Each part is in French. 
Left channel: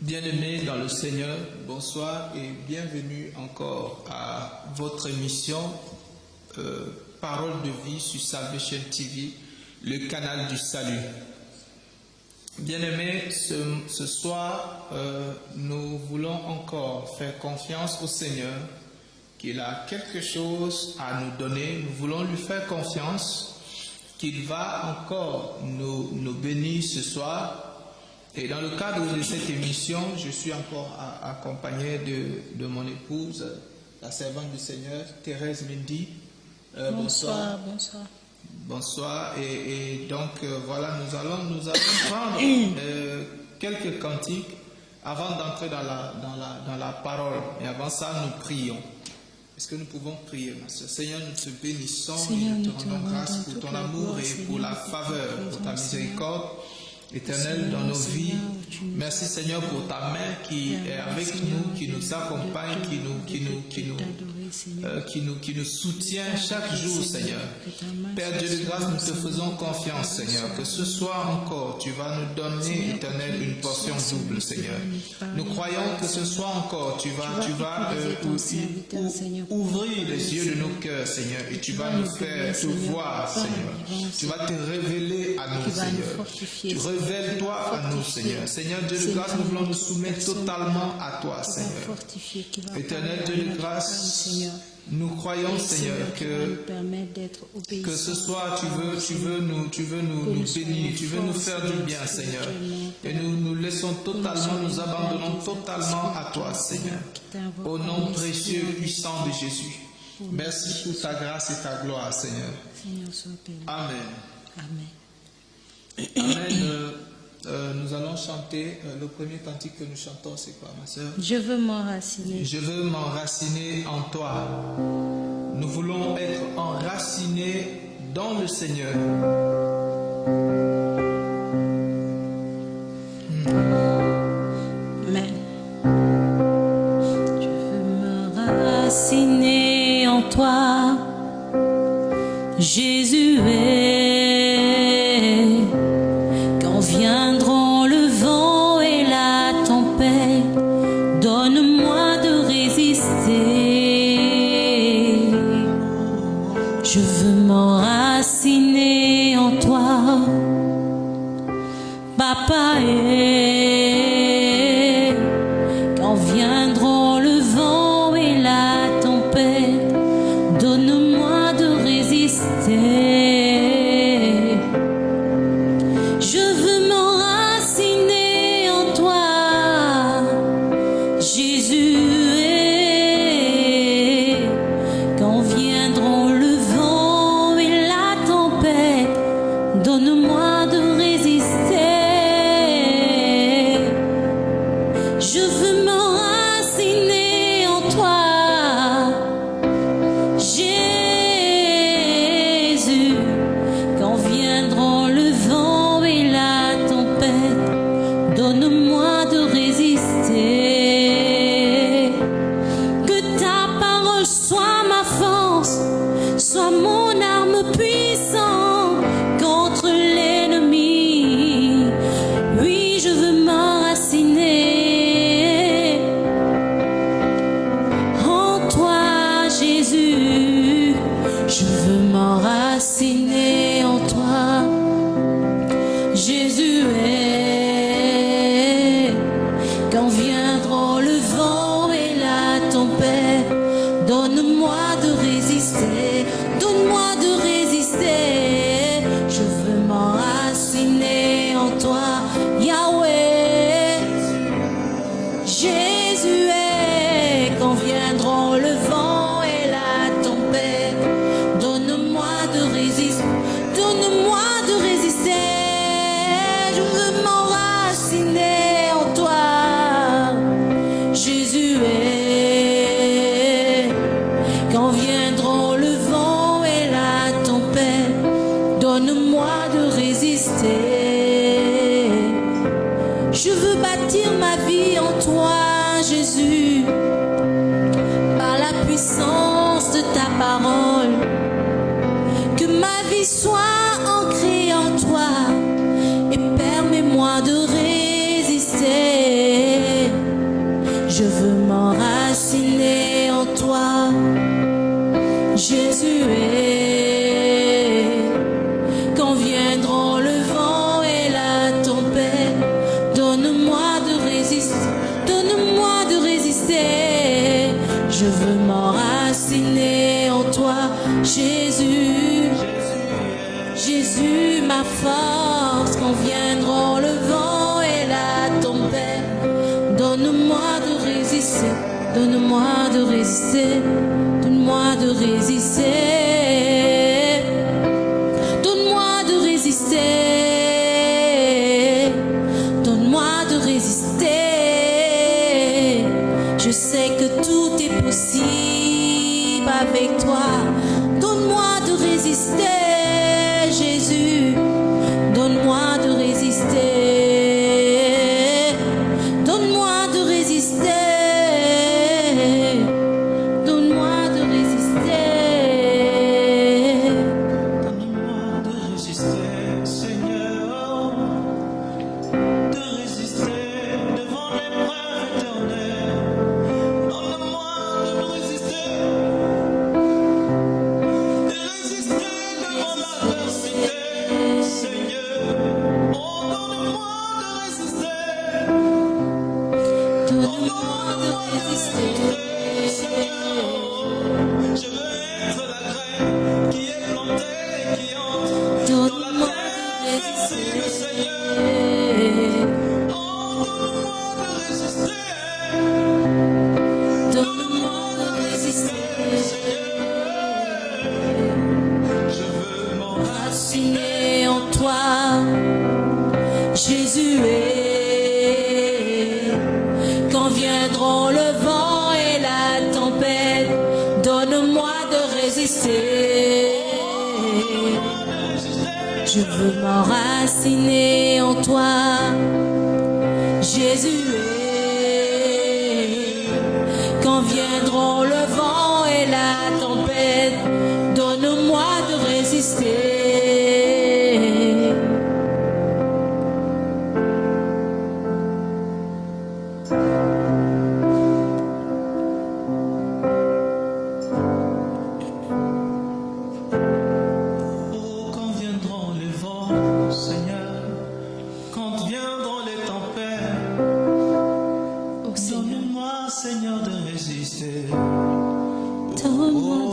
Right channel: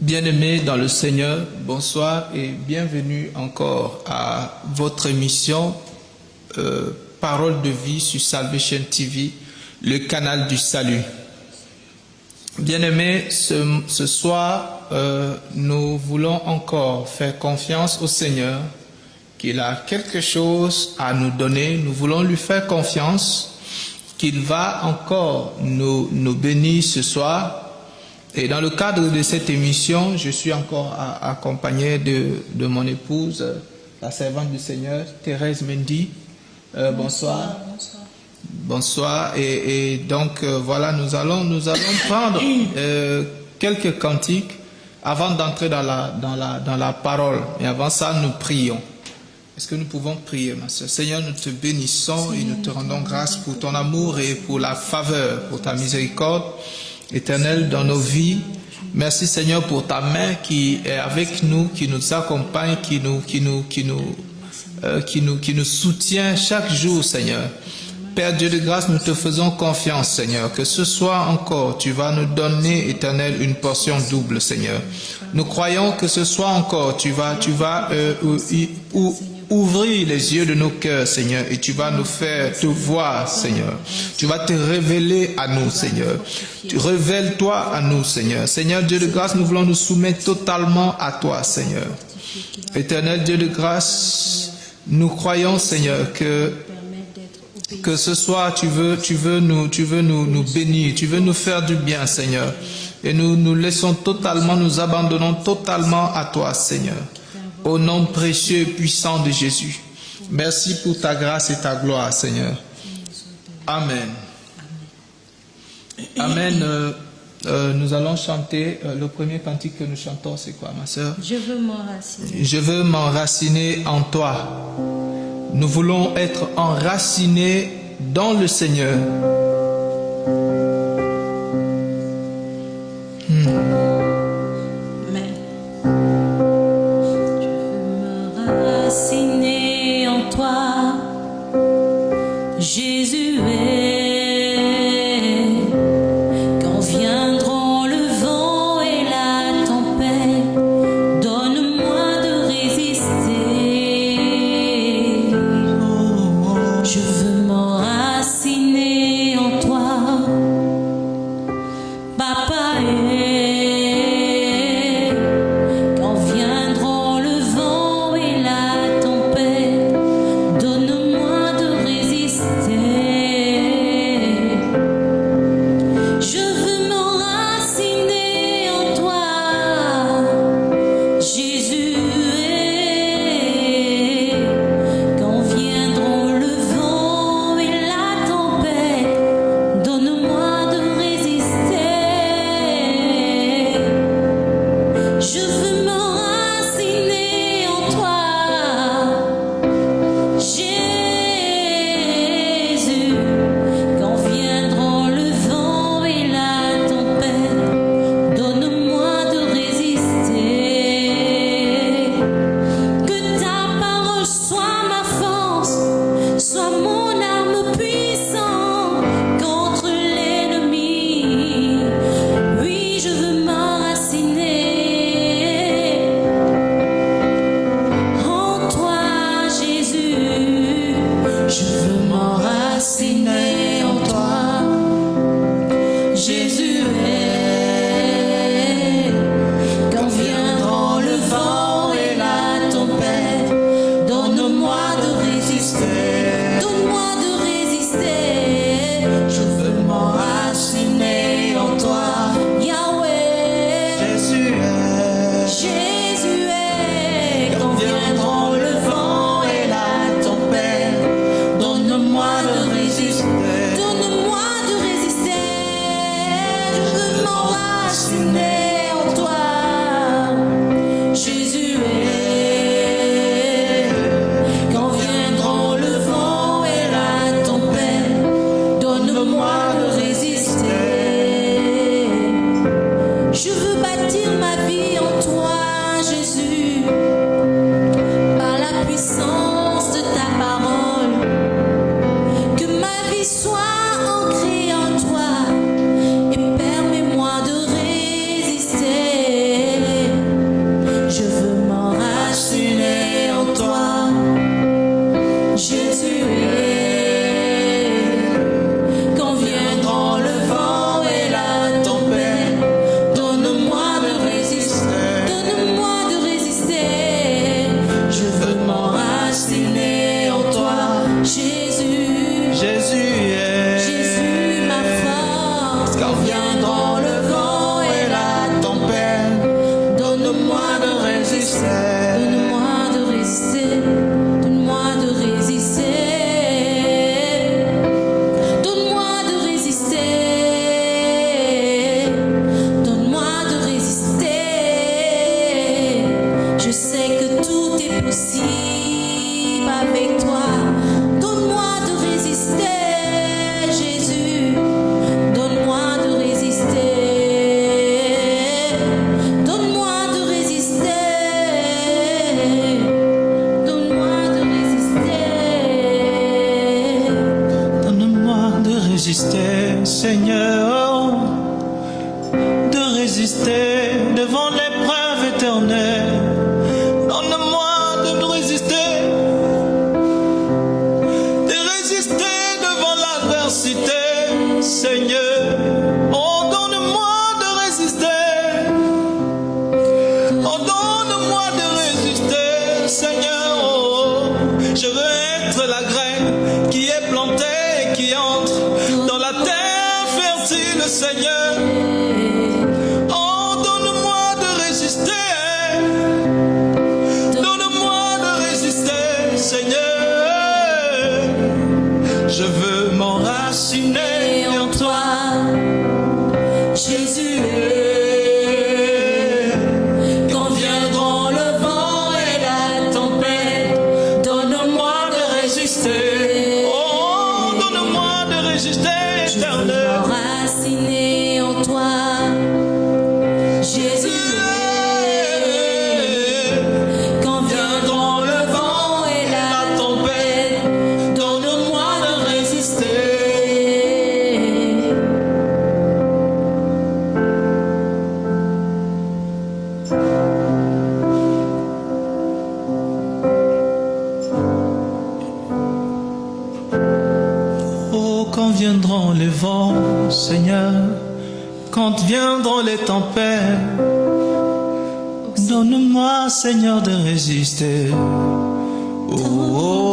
Bien-aimés dans le Seigneur, bonsoir et bienvenue encore à votre émission Parole de vie sur Salvation TV, le canal du salut. Bien-aimés, ce soir, nous voulons encore faire confiance au Seigneur, qu'il a quelque chose à nous donner. Nous voulons lui faire confiance, qu'il va encore nous bénir ce soir. Et dans le cadre de cette émission, je suis encore accompagné de mon épouse, la servante du Seigneur, Thérèse Mendy. Bonsoir. Bonsoir. Et donc, voilà, nous allons prendre quelques cantiques avant d'entrer dans la parole. Et avant ça, nous prions. Est-ce que nous pouvons prier, ma soeur? Seigneur, nous te bénissons et nous te rendons grâce pour ton amour et pour la faveur, pour ta miséricorde éternelle dans nos vies. Merci Seigneur pour ta main qui est avec nous, qui nous accompagne, qui nous soutient chaque jour, Seigneur. Père Dieu de grâce, nous te faisons confiance, Seigneur, que ce soir encore, tu vas nous donner, Éternel, une portion double, Seigneur. Nous croyons que ce soir encore, tu vas ouvrir les yeux de nos cœurs, Seigneur, et tu vas nous faire te voir, Seigneur. Tu vas te révéler à nous, Seigneur. Révèle-toi à nous, Seigneur. Seigneur Dieu de grâce, nous voulons nous soumettre totalement à toi, Seigneur. Éternel Dieu de grâce, nous croyons, Seigneur, que ce soir tu veux nous bénir, tu veux nous faire du bien, Seigneur. Et nous laissons totalement, nous abandonnons totalement à toi, Seigneur. Au nom précieux et puissant de Jésus. Merci pour ta grâce et ta gloire, Seigneur. Amen. Amen. Nous allons chanter, le premier cantique que nous chantons, c'est quoi, ma sœur? Je veux m'enraciner en toi. Nous voulons être enracinés dans le Seigneur. résister, Seigneur, de résister devant l'épreuve éternelle. Donne-moi de résister devant l'adversité, Seigneur. Oh, donne-moi de résister. Oh, donne-moi de résister, Seigneur. Oh, je veux être la graine qui est plantée et qui entre dans la terre fertile, Seigneur. Oh, donne-moi de résister. Donne-moi de résister, Seigneur. Je veux m'enraciner en toi. C'est quand viendront le vent et la tempête, donne-moi de résister. Oh, donne-moi de résister, éternel. Viendront le vent et la tempête, donne-moi de résister. Oh, quand viendront les vents, Seigneur, quand viendront les tempêtes, donne-moi, Seigneur, de résister. Oh, oh, oh.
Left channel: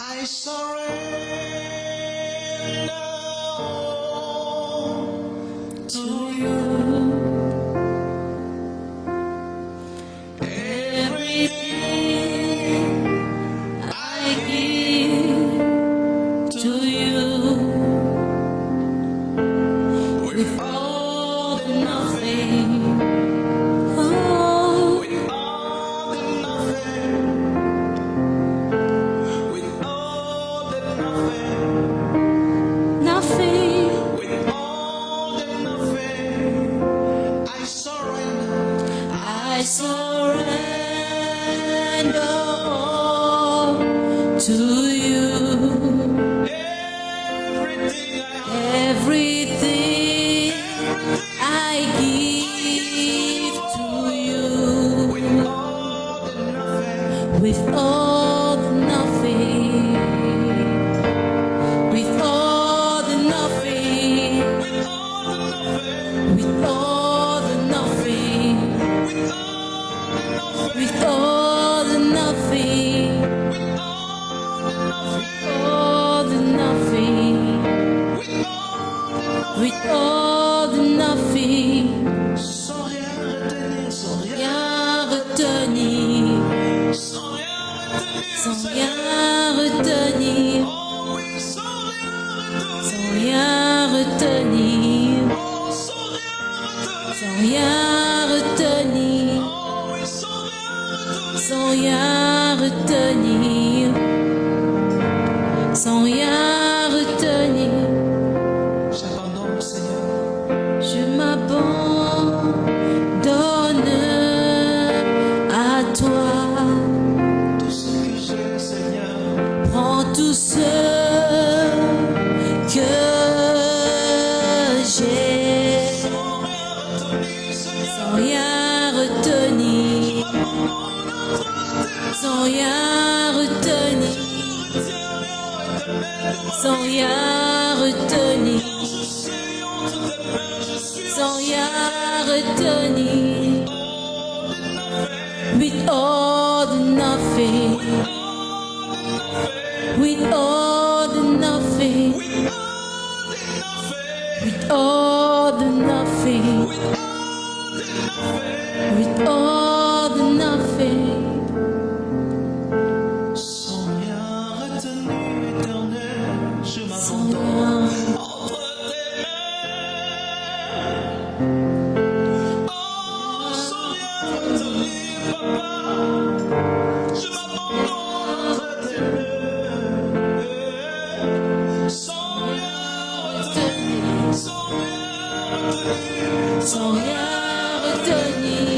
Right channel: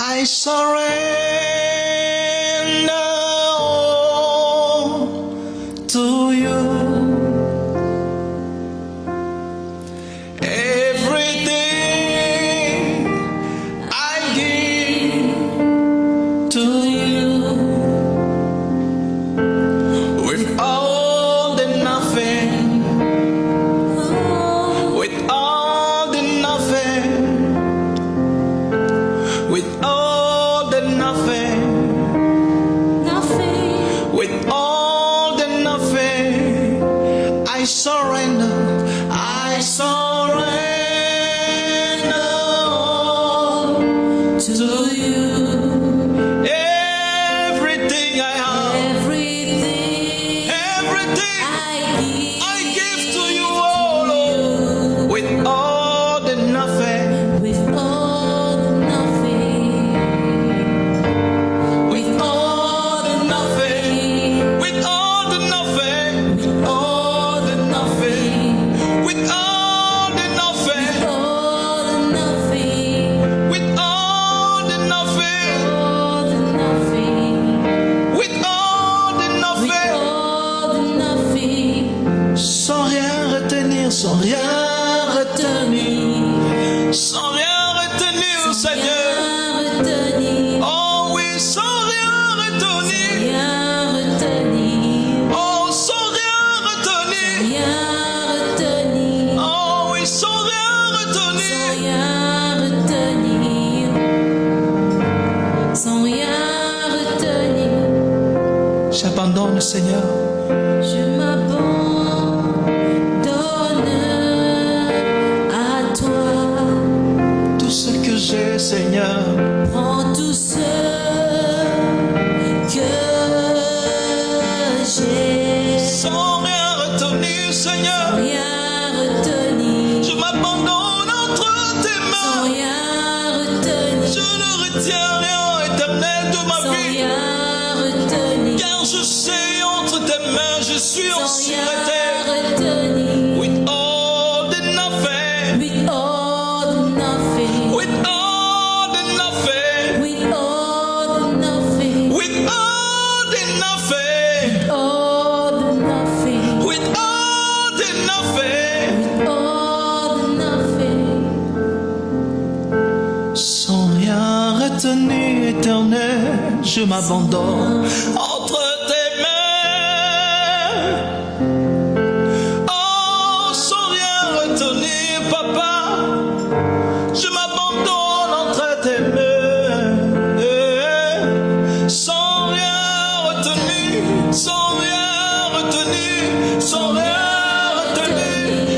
I surrender all to you. Everything I give to you. With all the nothing, with all the nothing, with all the nothing, with all the nothing, I surrender, I surrender to you. Everything I have, everything I give to you, oh Lord, with all the nothing. With all the nothing, with all the nothing, all the nothing, with all the nothing, with all the nothing, with all the nothing, sans rien retenir, sans rien retenir, sans rien retenir, Seigneur. Oh oui, sans rien retenir. Oh, sans rien retenir. Oh oui, sans rien retenir. J'abandonne, Seigneur. Tout ce que j'ai, Seigneur. Sans rien retenir, Seigneur, je m'abandonne entre tes mains. Je ne retiens rien, éternel, de ma vie, car je sais entre tes mains, je suis en sûreté. With all the nothing, with all the nothing, with all the nothing, with all the nothing, sans rien retenir, éternel, je m'abandonne entre tes mains. Oh, sans rien retenir, papa, je m'abandonne entre tes mains.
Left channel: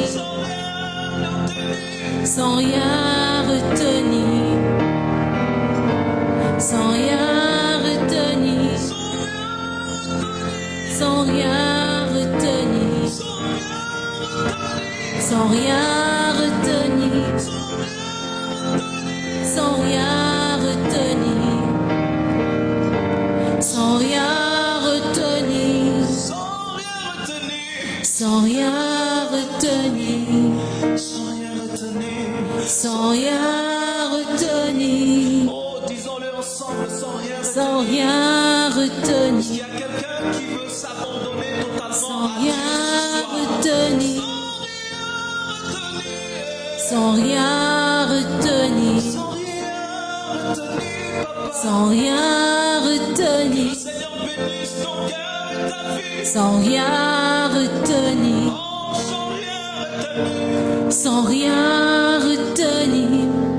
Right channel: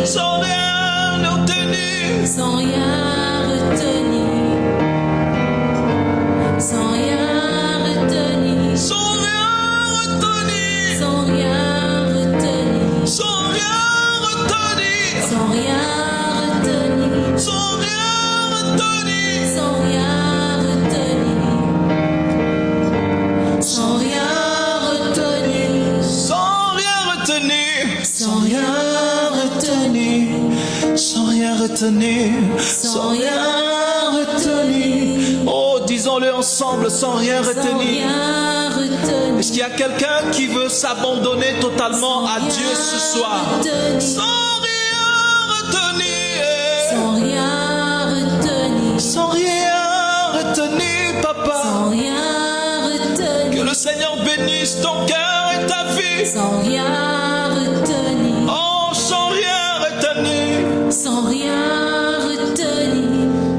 sans rien obtenir. Sans rien retenir. Sans rien retenir. Sans rien retenir. Sans rien retenir. Sans rien retenir. Sans rien retenir. Sans rien retenir. Sans rien retenir. Oh, disons-le ensemble, sans rien retenir. Est-ce qu'il y a quelqu'un qui veut s'abandonner totalement à Dieu ce soir? Sans rien retenir. Sans rien retenir, papa. Que le Seigneur bénisse ton cœur et ta vie. Oh, sans rien retenir.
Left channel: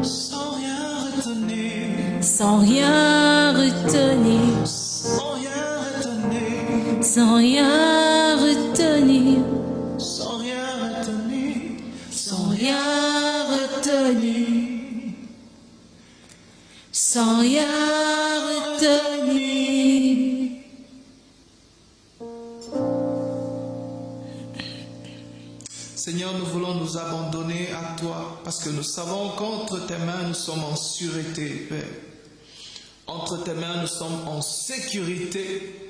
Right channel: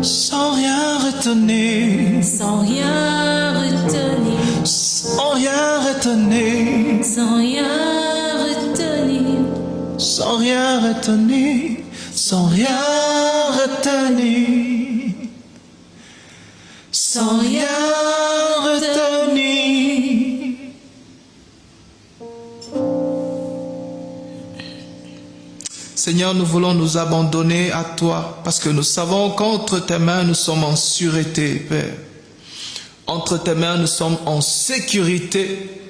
Sans rien retenir. Sans rien retenir. Sans rien retenir. Sans rien retenir. Sans rien retenir. Seigneur, nous voulons nous abandonner à toi parce que nous savons qu'entre tes mains nous sommes en sûreté, Père. Entre tes mains nous sommes en sécurité.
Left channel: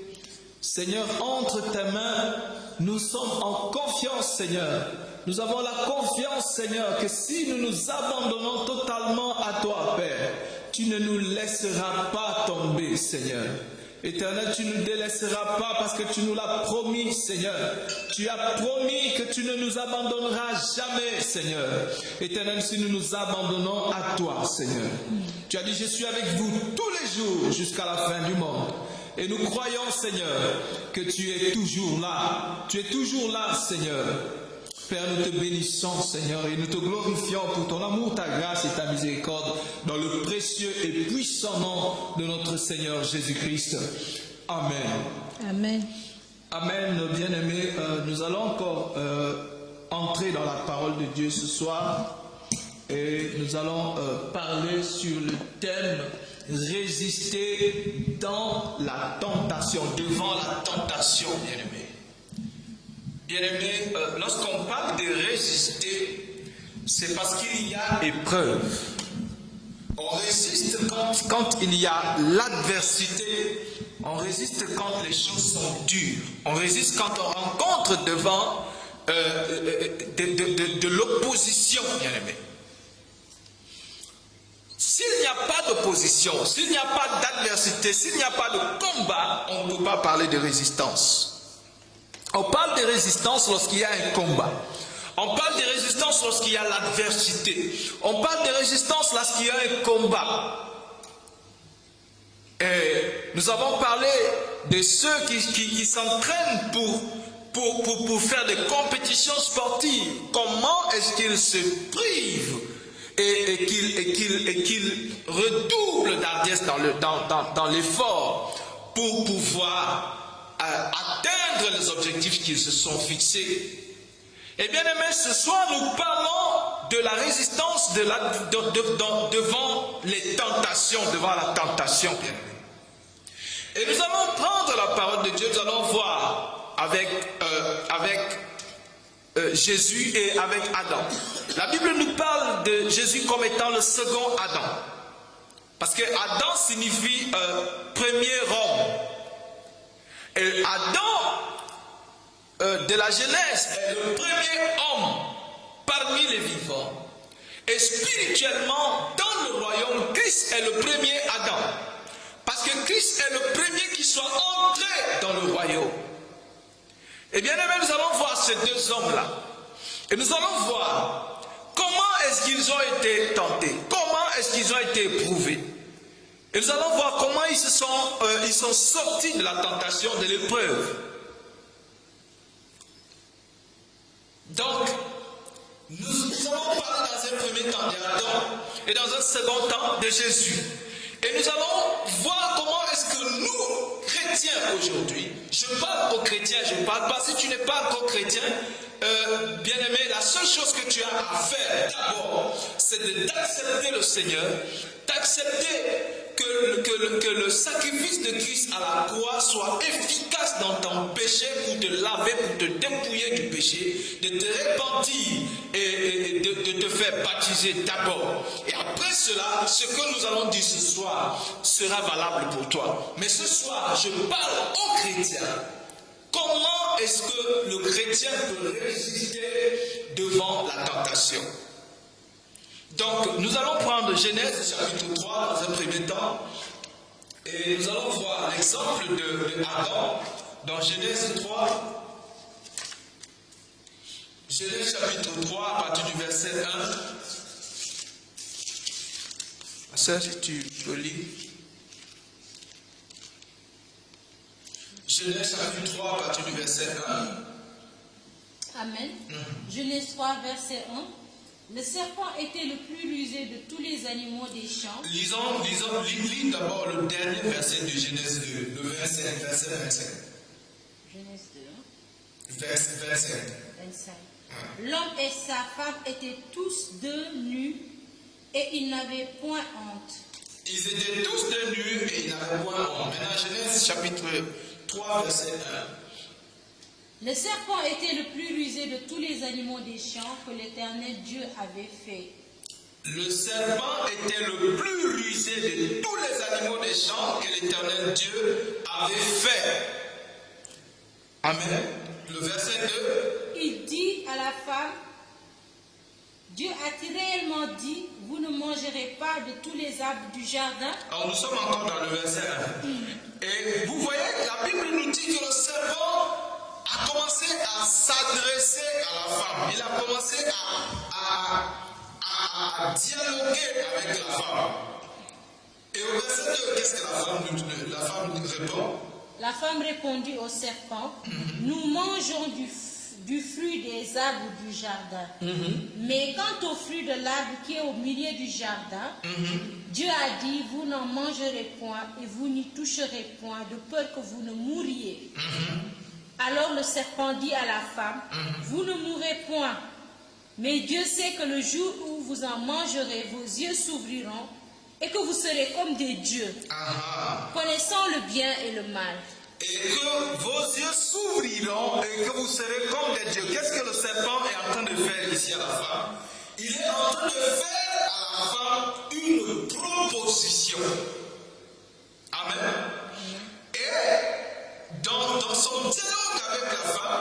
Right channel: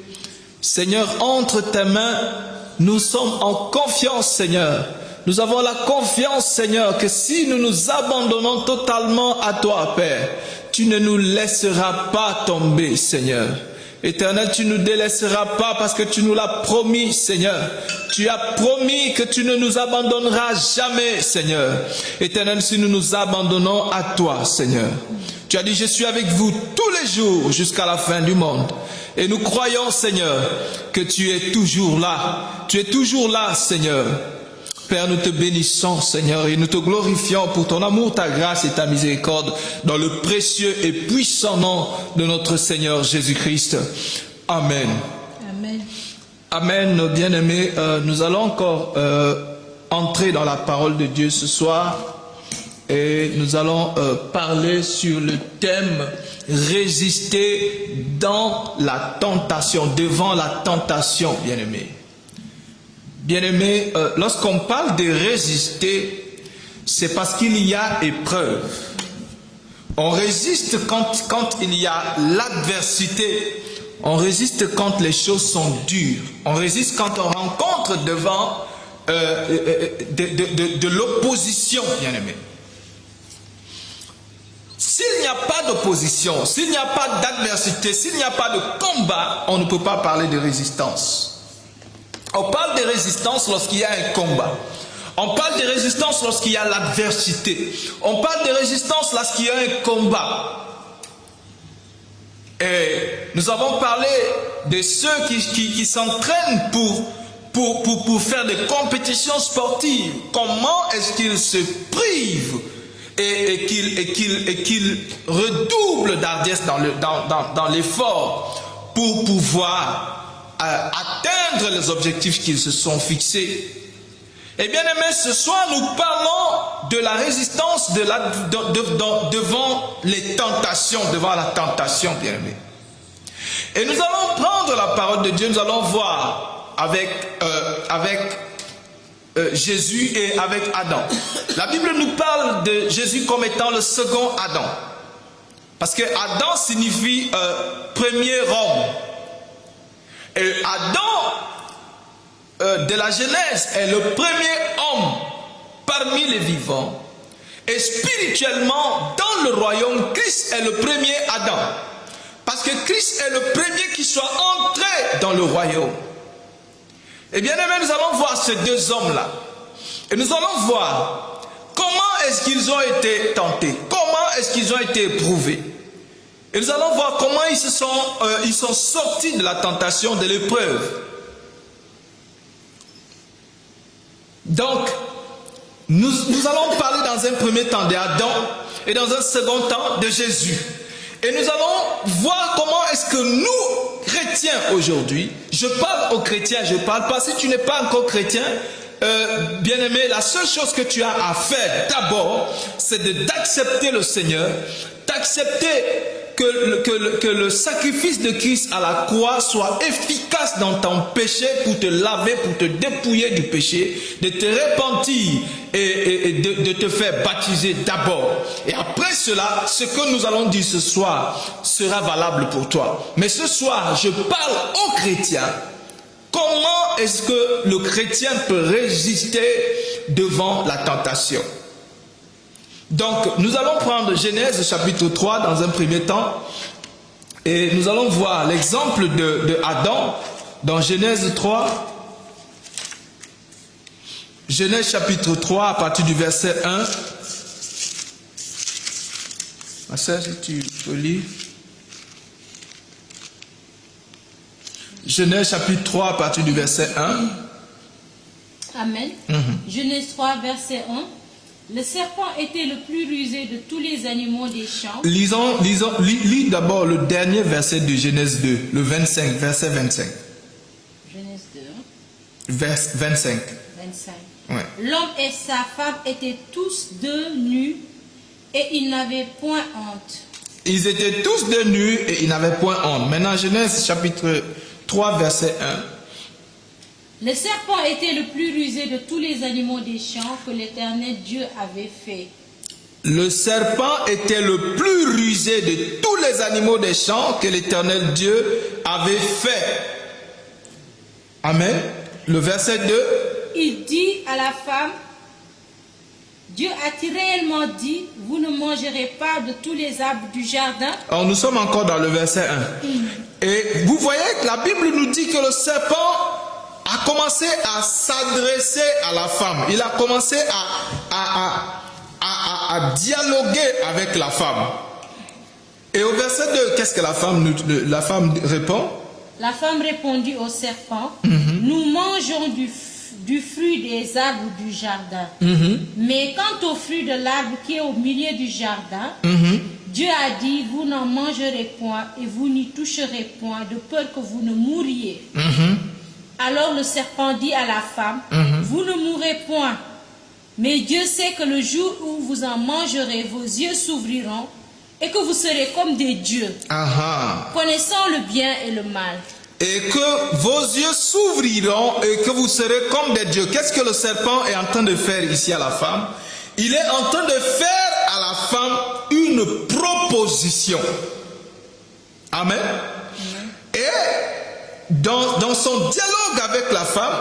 Seigneur, entre tes mains nous sommes en confiance, Seigneur. Nous avons la confiance, Seigneur, que si nous nous abandonnons totalement à toi, Père, tu ne nous laisseras pas tomber, Seigneur. Éternel, tu ne nous délaisseras pas parce que tu nous l'as promis, Seigneur. Tu as promis que tu ne nous abandonneras jamais, Seigneur. Éternel, si nous nous abandonnons à toi, Seigneur. Tu as dit, je suis avec vous tous les jours jusqu'à la fin du monde. Et nous croyons, Seigneur, que tu es toujours là. Tu es toujours là, Seigneur. Père, nous te bénissons, Seigneur, et nous te glorifions pour ton amour, ta grâce et ta miséricorde, dans le précieux et puissant nom de notre Seigneur Jésus-Christ. Amen. Amen, nos bien-aimés. Nous allons encore entrer dans la parole de Dieu ce soir, et nous allons parler sur le thème « Résister dans la tentation », devant la tentation, bien-aimés. Bien-aimés, lorsqu'on parle de résister, c'est parce qu'il y a épreuve. On résiste quand il y a l'adversité. On résiste quand les choses sont dures. On résiste quand on rencontre devant de l'opposition, bien-aimés. S'il n'y a pas d'opposition, s'il n'y a pas d'adversité, s'il n'y a pas de combat, on ne peut pas parler de résistance. On parle de résistance lorsqu'il y a un combat. On parle de résistance lorsqu'il y a l'adversité. On parle de résistance lorsqu'il y a un combat. Et nous avons parlé de ceux qui s'entraînent pour faire des compétitions sportives. Comment est-ce qu'ils se privent et qu'ils redoublent d'ardiesse dans l'effort pour pouvoir atteindre les objectifs qu'ils se sont fixés. Et bien aimés, ce soir nous parlons de la résistance devant les tentations, devant la tentation, bien aimés. Et nous allons prendre la parole de Dieu, nous allons voir avec Jésus et avec Adam. La Bible nous parle de Jésus comme étant le second Adam. Parce que Adam signifie premier homme. Et Adam, de la Genèse, est le premier homme parmi les vivants. Et spirituellement, dans le royaume, Christ est le premier Adam. Parce que Christ est le premier qui soit entré dans le royaume. Et bien aimé, nous allons voir ces deux hommes-là. Et nous allons voir comment est-ce qu'ils ont été tentés. Comment est-ce qu'ils ont été éprouvés. Et nous allons voir comment ils sont sortis de la tentation, de l'épreuve. Donc, nous allons parler dans un premier temps d'Adam et dans un second temps de Jésus. Et nous allons voir comment est-ce que nous, chrétiens aujourd'hui, je parle aux chrétiens, je ne parle pas, si tu n'es pas encore chrétien, bien-aimé, la seule chose que tu as à faire d'abord, c'est d'accepter le Seigneur, d'accepter que le sacrifice de Christ à la croix soit efficace dans ton péché pour te laver, pour te dépouiller du péché, de te repentir et de te faire baptiser d'abord. Et après cela, ce que nous allons dire ce soir sera valable pour toi. Mais ce soir, je parle aux chrétiens. Comment est-ce que le chrétien peut résister devant la tentation? Donc, nous allons prendre Genèse chapitre 3 dans un premier temps et nous allons voir l'exemple de Adam dans Genèse 3. Genèse chapitre 3 à partir du verset 1. Ma soeur, tu lis. Genèse chapitre 3 à partir du verset 1. Amen. Genèse 3 verset 1. Le serpent était le plus rusé de tous les animaux des champs. Lis d'abord le dernier verset de Genèse 2, le 25, verset 25. Genèse 2. Vers 25. 25. Ouais. L'homme et sa femme étaient tous deux nus et ils n'avaient point honte. Ils étaient tous deux nus et ils n'avaient point honte. Maintenant, Genèse chapitre 3, verset 1. Le serpent était le plus rusé de tous les animaux des champs que l'Éternel Dieu avait fait. Le serpent était le plus rusé de tous les animaux des champs que l'Éternel Dieu avait fait. Amen. Le verset 2. Il dit à la femme, Dieu a-t-il réellement dit, vous ne mangerez pas de tous les arbres du jardin? Alors, nous sommes encore dans le verset 1. Et vous voyez que la Bible nous dit que le serpent a commencé à s'adresser à la femme. Il a commencé à dialoguer avec la femme. Et au verset 2, qu'est-ce que la femme répond? La femme répondit au serpent, nous mangeons du fruit des arbres du jardin. Mais quant au fruit de l'arbre qui est au milieu du jardin, Dieu a dit, vous n'en mangerez point et vous n'y toucherez point, de peur que vous ne mouriez. Alors le serpent dit à la femme, vous ne mourrez point, mais Dieu sait que le jour où vous en mangerez, vos yeux s'ouvriront et que vous serez comme des dieux, connaissant le bien et le mal. Et que vos yeux s'ouvriront et que vous serez comme des dieux. Qu'est-ce que le serpent est en train de faire ici à la femme? Il est en train de faire à la femme une proposition. Amen. Et dans son dialogue avec la femme,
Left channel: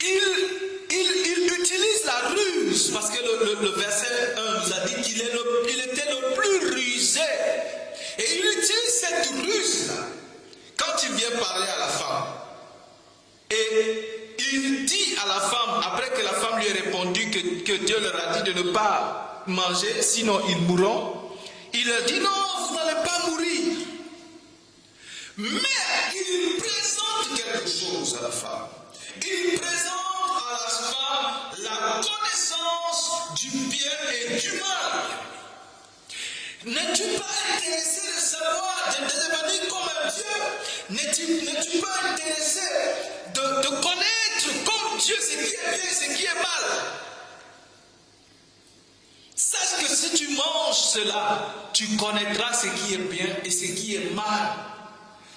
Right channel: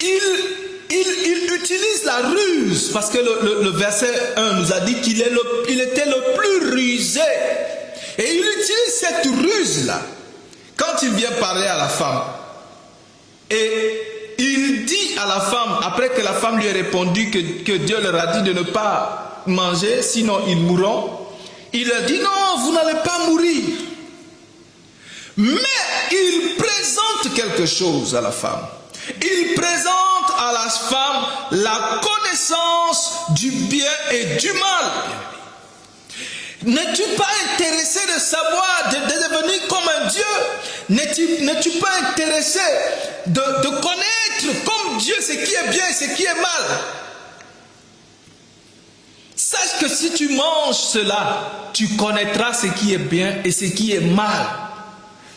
il utilise la ruse, parce que le verset 1 nous a dit qu'il était le plus rusé. Et il utilise cette ruse-là quand il vient parler à la femme. Et il dit à la femme, après que la femme lui ait répondu que Dieu leur a dit de ne pas manger, sinon ils mourront, il leur dit non, vous n'allez pas mourir. Mais il présente quelque chose à la femme. Il présente à la femme la connaissance du bien et du mal. N'es-tu pas intéressé de savoir, de devenir comme un Dieu? N'es-tu pas intéressé de connaître comme Dieu ce qui est bien et ce qui est mal? Sache que si tu manges cela, tu connaîtras ce qui est bien et ce qui est mal.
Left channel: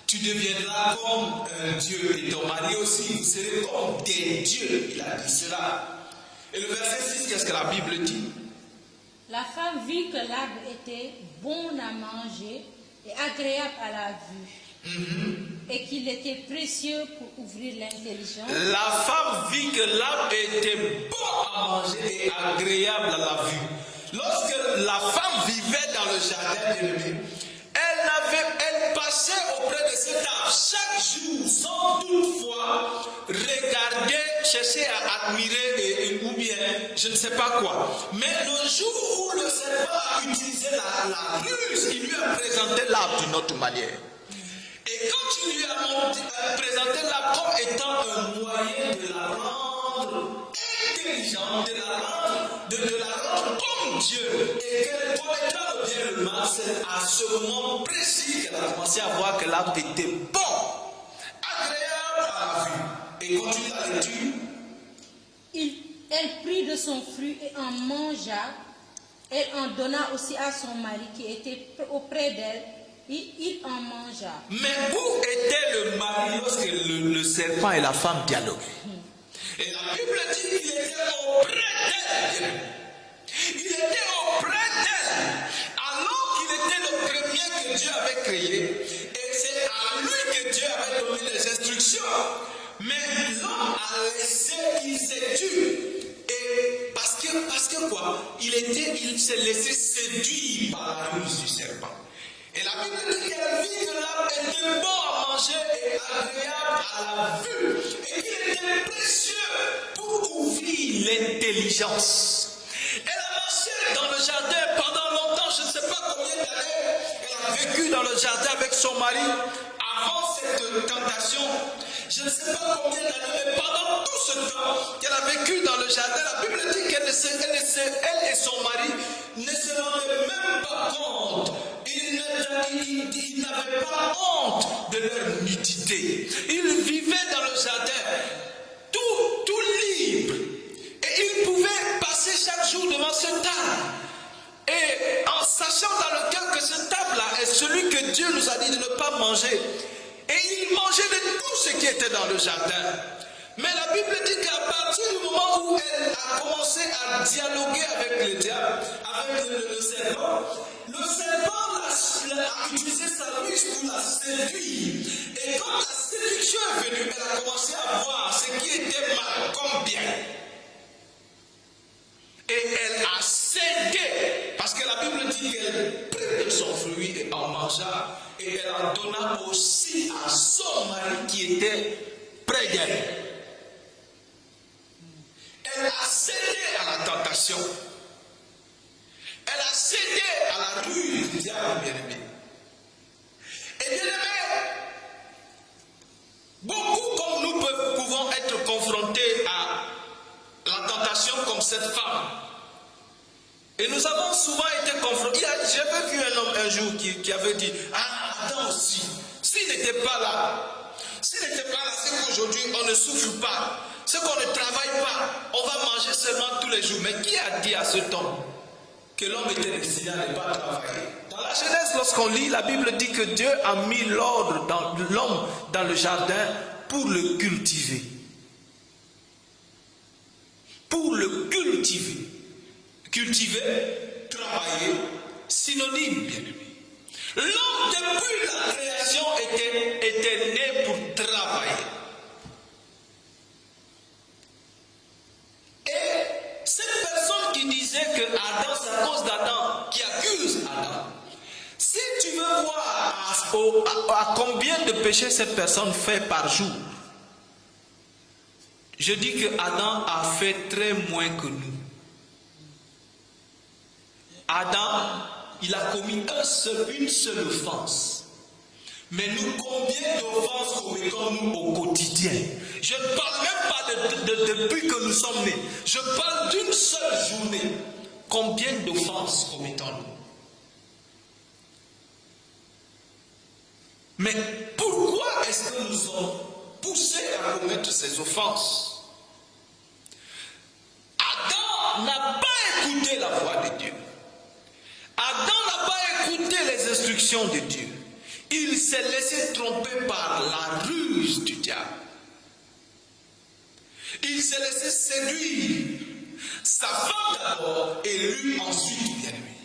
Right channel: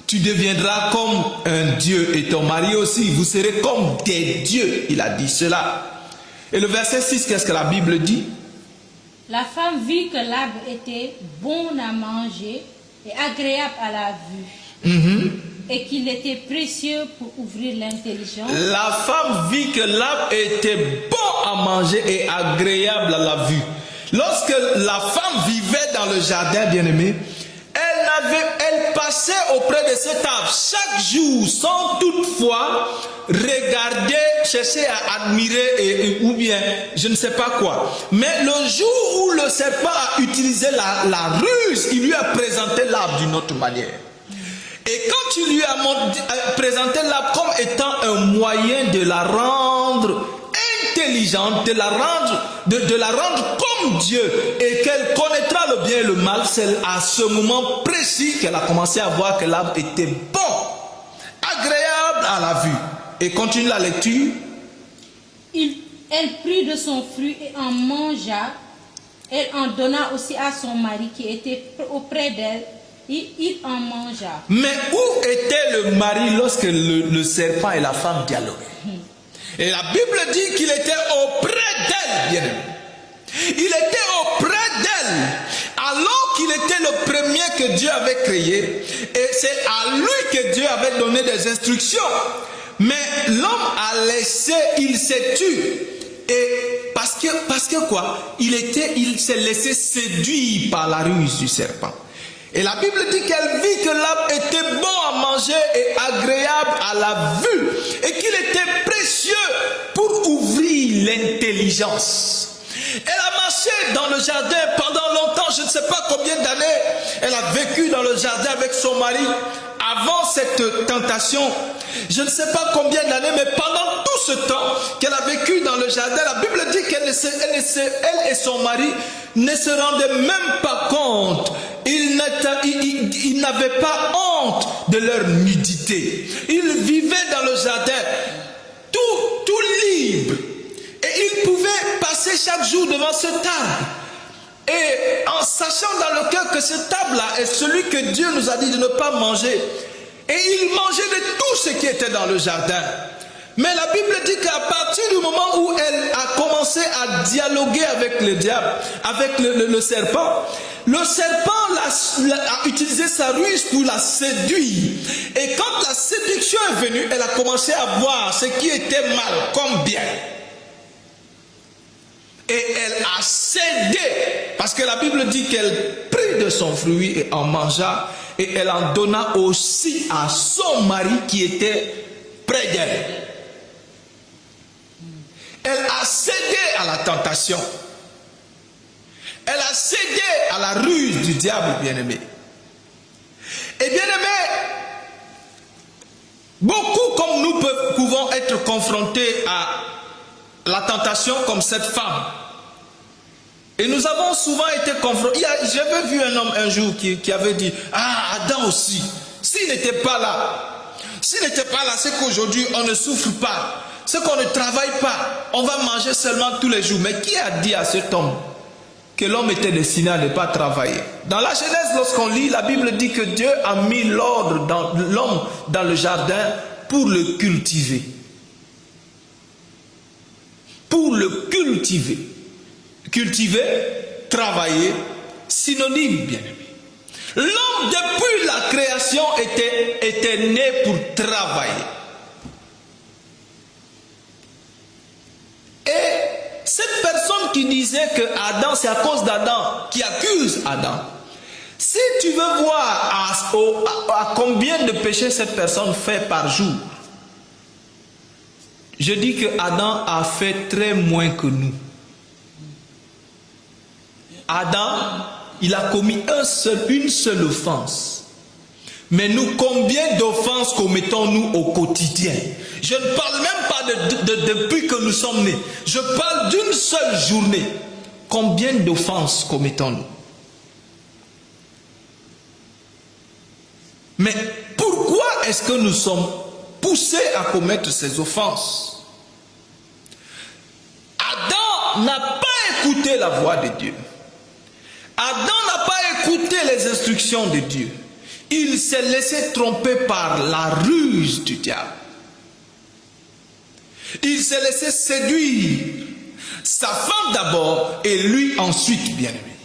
Tu deviendras comme un Dieu et ton mari aussi. Vous serez comme des dieux. Il a dit cela. Et le verset 6, qu'est-ce que la Bible dit? La femme vit que l'arbre était bon à manger et agréable à la vue. Et qu'il était précieux pour ouvrir l'intelligence. La femme vit que l'arbre était bon à manger et agréable à la vue. Lorsque la femme vivait dans le jardin, bien-aimé, elle passait auprès de cet arbre chaque jour sans toutefois regarder, chercher à admirer ou bien je ne sais pas quoi. Mais le jour où le serpent a utilisé la ruse, il lui a présenté l'arbre d'une autre manière. Et quand il lui a présenté l'arbre comme étant un moyen de la rendre intelligente, de la rendre comme Dieu et qu'elle connaîtra le bien et le mal, c'est à ce moment précis qu'elle a commencé à voir que l'arbre était bon, agréable à la vue. Et continue la lecture. Elle prit de son fruit et en mangea. Elle en donna aussi à son mari qui était auprès d'elle. Il en mangea. Mais où était le mari lorsque le serpent et la femme allaient? Et la Bible dit qu'il était auprès d'elle, bien aimé. Il était auprès d'elle, alors qu'il était le premier que Dieu avait créé. Et c'est à lui que Dieu avait donné des instructions. Mais l'homme a laissé, il s'est tu. Et parce que quoi? Il s'est laissé séduire par la ruse du serpent. Et la Bible dit qu'elle vit que l'arbre était bon à manger et agréable à la vue. Et qu'il était précieux pour ouvrir l'intelligence. Elle a marché dans le jardin pendant longtemps, je ne sais pas combien d'années. Elle a vécu dans le jardin avec son mari. Avant cette tentation, je ne sais pas combien d'années, mais pendant tout ce temps qu'elle a vécu dans le jardin, la Bible dit qu'elle et son mari ne se rendaient même pas compte. Ils n'avaient pas honte de leur nudité. Ils vivaient dans le jardin tout libre. Et ils pouvaient passer chaque jour devant cette table. Et en sachant dans le cœur que cette table-là est celui que Dieu nous a dit de ne pas manger. Et ils mangeaient de tout ce qui était dans le jardin. Mais la Bible dit qu'à partir du moment où elle a commencé à dialoguer avec le diable, avec le serpent a utilisé sa ruse pour la séduire. Et quand la séduction est venue, elle a commencé à voir ce qui était mal comme bien. Et elle a cédé, parce que la Bible dit qu'elle prit de son fruit et en mangea, et elle en donna aussi à son mari qui était près d'elle. Elle a cédé à la tentation. Elle a cédé à la ruse du diable, bien-aimé. Et bien-aimé, beaucoup comme nous pouvons être confrontés à la tentation comme cette femme. Et nous avons souvent été confrontés. J'avais vu un homme un jour qui avait dit, ah, Adam aussi, s'il n'était pas là, c'est qu'aujourd'hui on ne souffre pas, c'est qu'on ne travaille pas, on va manger seulement tous les jours. Mais qui a dit à cet homme que l'homme était destiné à ne pas travailler? Dans la Genèse, lorsqu'on lit, la Bible dit que Dieu a mis l'ordre dans l'homme dans le jardin pour le cultiver. Pour le cultiver. Cultiver, travailler, synonyme bien. L'homme depuis la création était né pour travailler. Et cette personne qui disait que Adam, c'est à cause d'Adam, qui accuse Adam. Si tu veux voir à combien de péchés cette personne fait par jour, je dis que Adam a fait très moins que nous. Adam, il a commis une seule offense. Mais nous, combien d'offenses commettons-nous au quotidien? Je ne parle même pas depuis que nous sommes nés. Je parle d'une seule journée. Combien d'offenses commettons-nous? Mais pourquoi est-ce que nous sommes poussés à commettre ces offenses? Adam n'a pas écouté la voix de Dieu. Adam n'a pas écouté les instructions de Dieu. Il s'est laissé tromper par la ruse du diable. Il s'est laissé séduire. Sa femme d'abord et lui ensuite, bien aimé.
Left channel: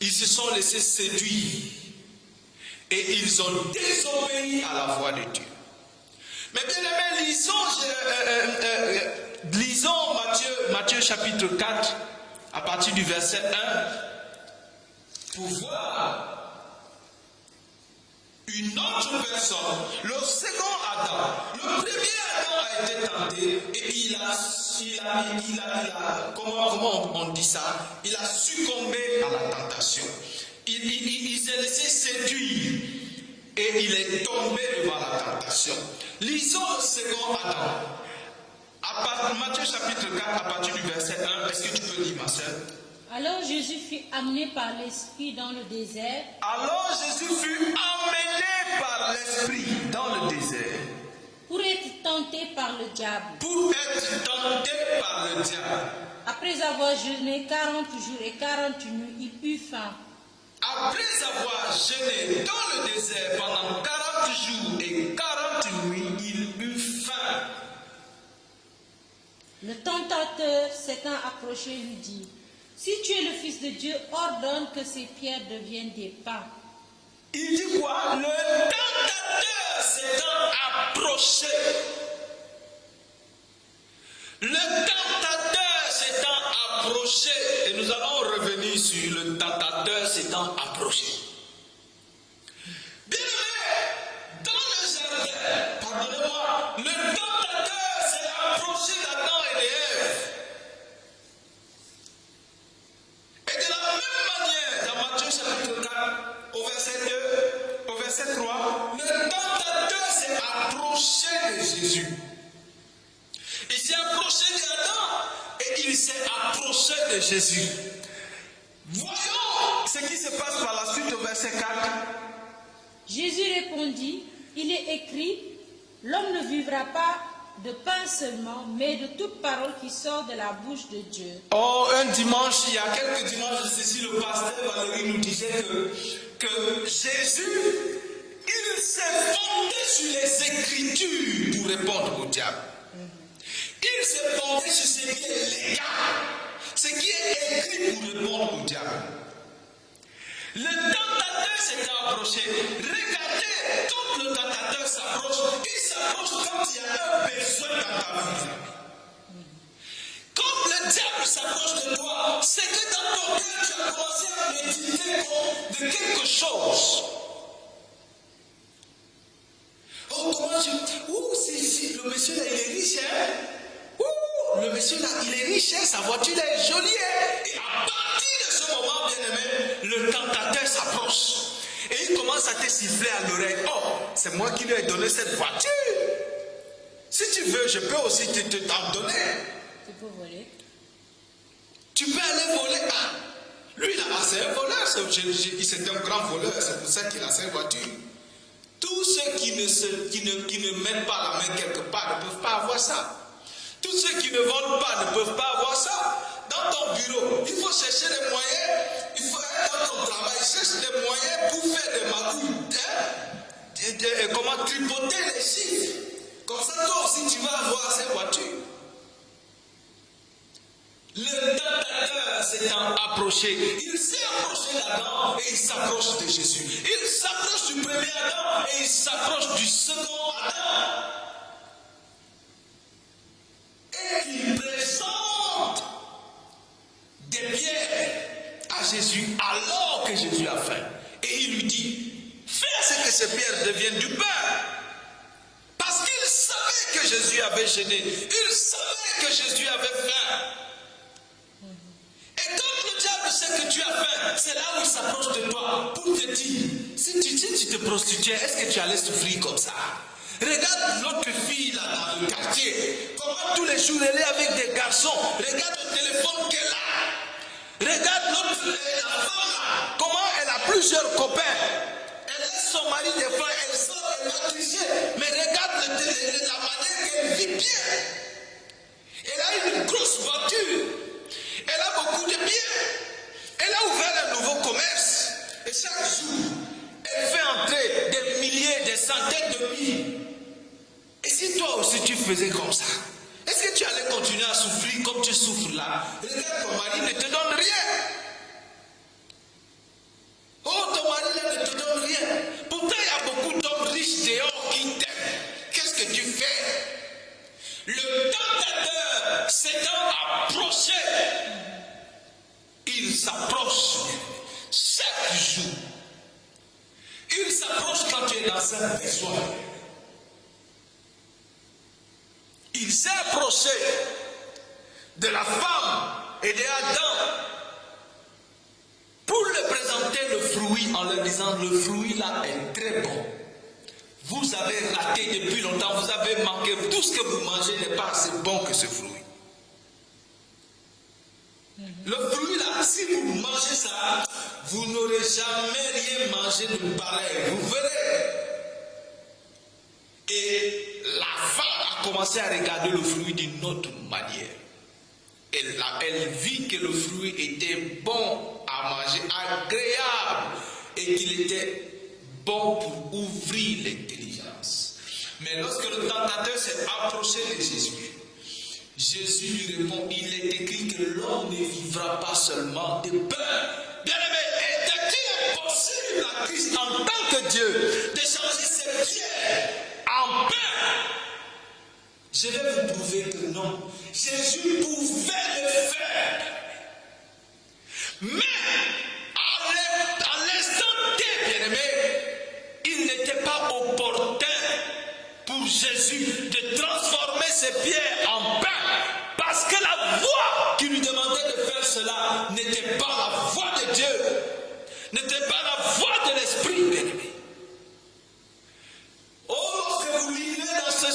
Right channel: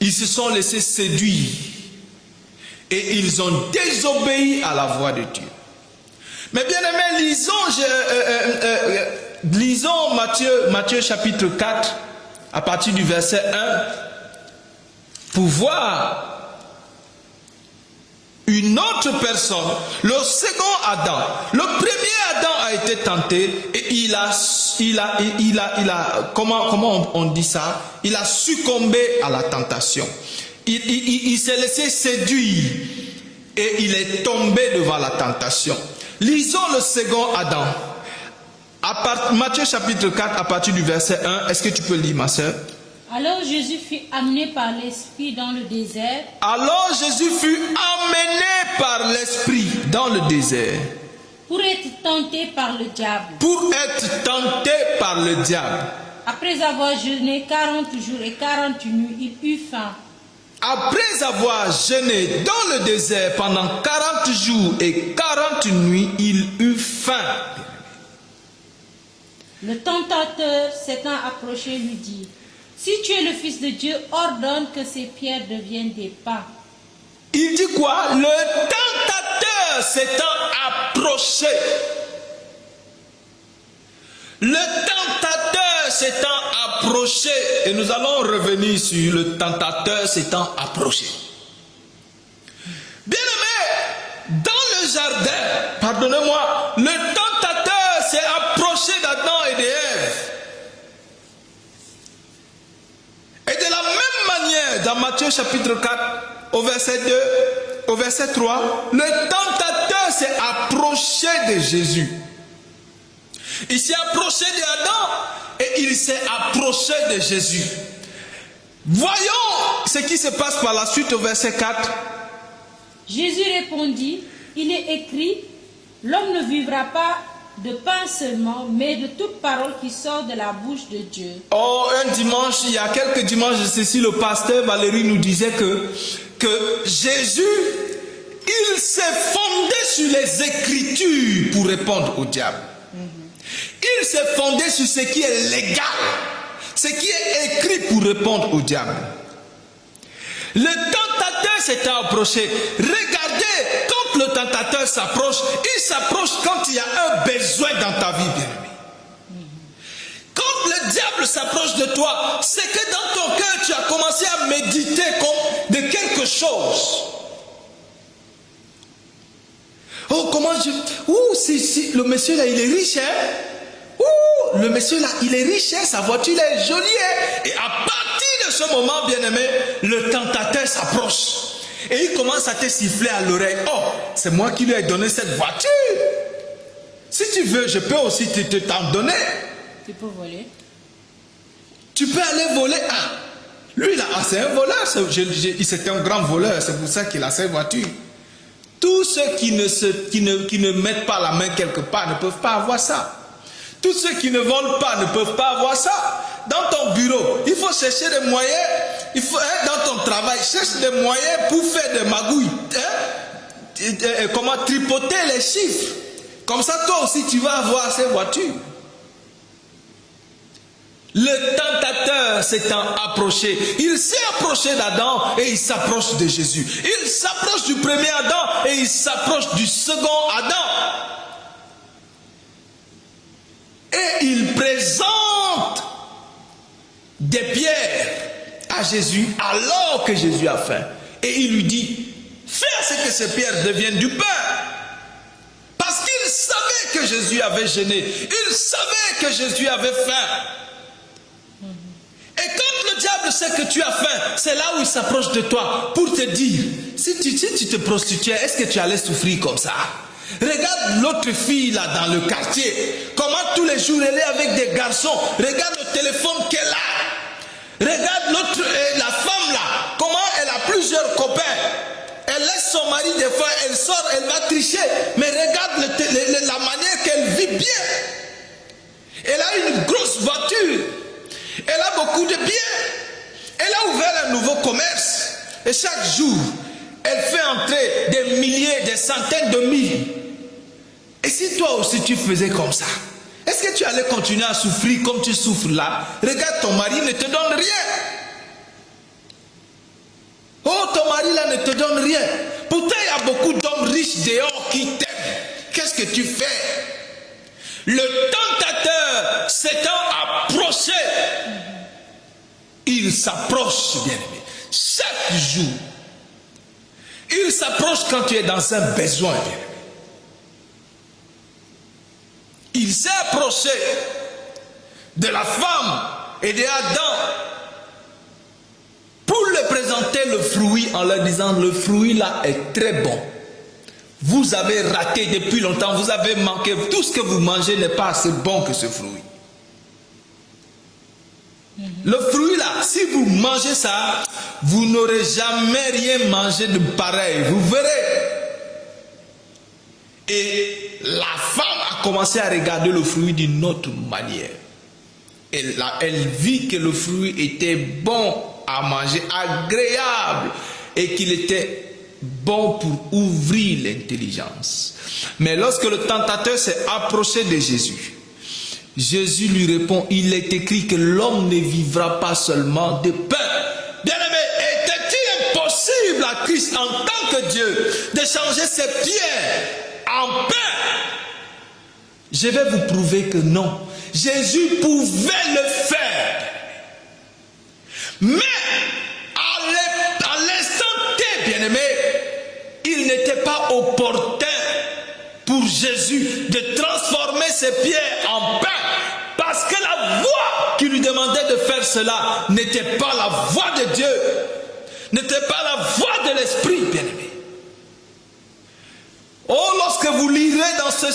Ils se sont laissés séduire. Et ils ont désobéi à la voix de Dieu. Mais bien aimé, lisons Matthieu chapitre 4, à partir du verset 1, pour voir une autre personne, le second Adam. Le premier Adam a été tenté et il a comment on dit ça? Il a succombé à la tentation. Il s'est laissé séduire et il est tombé devant la tentation. Lisons le second Adam. Matthieu chapitre 4 à partir du verset 1. Est-ce que tu peux lire, ma soeur? Alors Jésus fut amené par l'Esprit dans le désert. Alors Jésus fut amené par l'Esprit dans le désert. pour être tenté par le diable. Pour être tenté par le diable. Après avoir jeûné 40 jours et 40 nuits, il eut faim. Après avoir jeûné dans le désert pendant 40 jours et 40 nuits, il eut faim. Le tentateur s'étant approché lui dit, si tu es le Fils de Dieu, ordonne que ces pierres deviennent des pains. Il dit quoi? Le tentateur s'étant approché. Le tentateur s'étant approché. Et nous allons revenir sur le tentateur s'étant approché. Bien-aimé, dans le jardin, pardonnez-moi, le tentateur s'est approché d'Adam et d'Ève. Et de la même manière, dans Matthieu chapitre 4, au verset 2, au verset 3, le tentateur s'est approché de Jésus. Il s'est approché d'Adam et il s'est approché de Jésus. Voyons ce qui se passe par la suite au verset 4. Jésus répondit, il est écrit, l'homme ne vivra pas de pain seulement, mais de toute parole qui sort de la bouche de Dieu. Oh, un dimanche, il y a quelques dimanches de ceci, le pasteur Valérie nous disait que Jésus, il s'est fondé sur les Écritures pour répondre au diable. Il s'est fondé sur ce qui est légal, ce qui est écrit pour répondre au diable. Le tentateur s'est approché. Regardez, quand le tentateur s'approche, il s'approche quand il y a un besoin dans ta vie, bien-aimé. Quand le diable s'approche de toi, c'est que dans ton cœur, tu as commencé à méditer comme de quelque chose. Oh, comment je... Ouh, si, le monsieur là, il est riche, hein? Ouh, le monsieur là, il est riche, hein? Sa voiture là est jolie, hein? Et à partir de ce moment, bien-aimé, le tentateur s'approche. Et il commence à te siffler à l'oreille. Oh, c'est moi qui lui ai donné cette voiture. Si tu veux, je peux aussi t'en donner. Tu peux voler. Tu peux aller voler. Ah, lui là, c'est un voleur. C'est un grand voleur. C'est pour ça qu'il a cette voiture. Tous ceux qui ne mettent pas la main quelque part ne peuvent pas avoir ça. Tous ceux qui ne volent pas ne peuvent pas avoir ça. Dans ton bureau, il faut chercher des moyens. Il faut, dans ton travail, cherche des moyens pour faire des magouilles. Comment tripoter les chiffres. Comme ça, toi aussi, tu vas avoir cette voiture. Le tentateur s'étant approché, il s'est approché d'Adam et il s'approche de Jésus. Il s'approche du premier Adam et il s'approche du second Adam. Et il présente des pierres à Jésus alors que Jésus a faim. Et il lui dit, fais que ces pierres deviennent du pain. Parce qu'il savait que Jésus avait jeûné. Il savait que Jésus avait faim. Et quand le diable sait que tu as faim, c'est là où il s'approche de toi pour te dire, si tu te prostituais, est-ce que tu allais souffrir comme ça? Regarde l'autre fille là dans le quartier, comment tous les jours elle est avec des garçons. Regarde le téléphone qu'elle a. Regarde l'autre, la femme là, comment elle a plusieurs copains. Elle laisse son mari des fois, elle sort, elle va tricher. Mais regarde la manière qu'elle vit bien. Elle a une grosse voiture. Elle a beaucoup de biens. Elle a ouvert un nouveau commerce. Et chaque jour, elle fait entrer des milliers, des centaines de mille. Et si toi aussi tu faisais comme ça, est-ce que tu allais continuer à souffrir comme tu souffres là? Regarde, ton mari ne te donne rien. Oh, ton mari là ne te donne rien. Pourtant, il y a beaucoup d'hommes riches dehors qui t'aiment. Qu'est-ce que tu fais? Le tentateur s'étant approché, il s'approche bien. Chaque jour, il s'approche quand tu es dans un besoin. Il s'est approché de la femme et d'Adam pour leur présenter le fruit en leur disant, le fruit là est très bon. Vous avez raté depuis longtemps, vous avez manqué, tout ce que vous mangez n'est pas assez bon que ce fruit. Le fruit là, si vous mangez ça, vous n'aurez jamais rien mangé de pareil, vous verrez. Et la femme a commencé à regarder le fruit d'une autre manière. Elle vit que le fruit était bon à manger, agréable, et qu'il était bon pour ouvrir l'intelligence. Mais lorsque le tentateur s'est approché de Jésus, Jésus lui répond, il est écrit que l'homme ne vivra pas seulement de pain. Bien-aimé, était-il impossible à Christ en tant que Dieu de changer ses pierres en pain? Je vais vous prouver que non. Jésus pouvait le faire. Mais à l'instant T, bien-aimé, il n'était pas opportun pour Jésus de transformer ses pierres en pain. Parce que la voix qui lui demandait de faire cela n'était pas la voix de Dieu, n'était pas la voix de l'Esprit, bien-aimé. Oh, lorsque vous lirez dans ce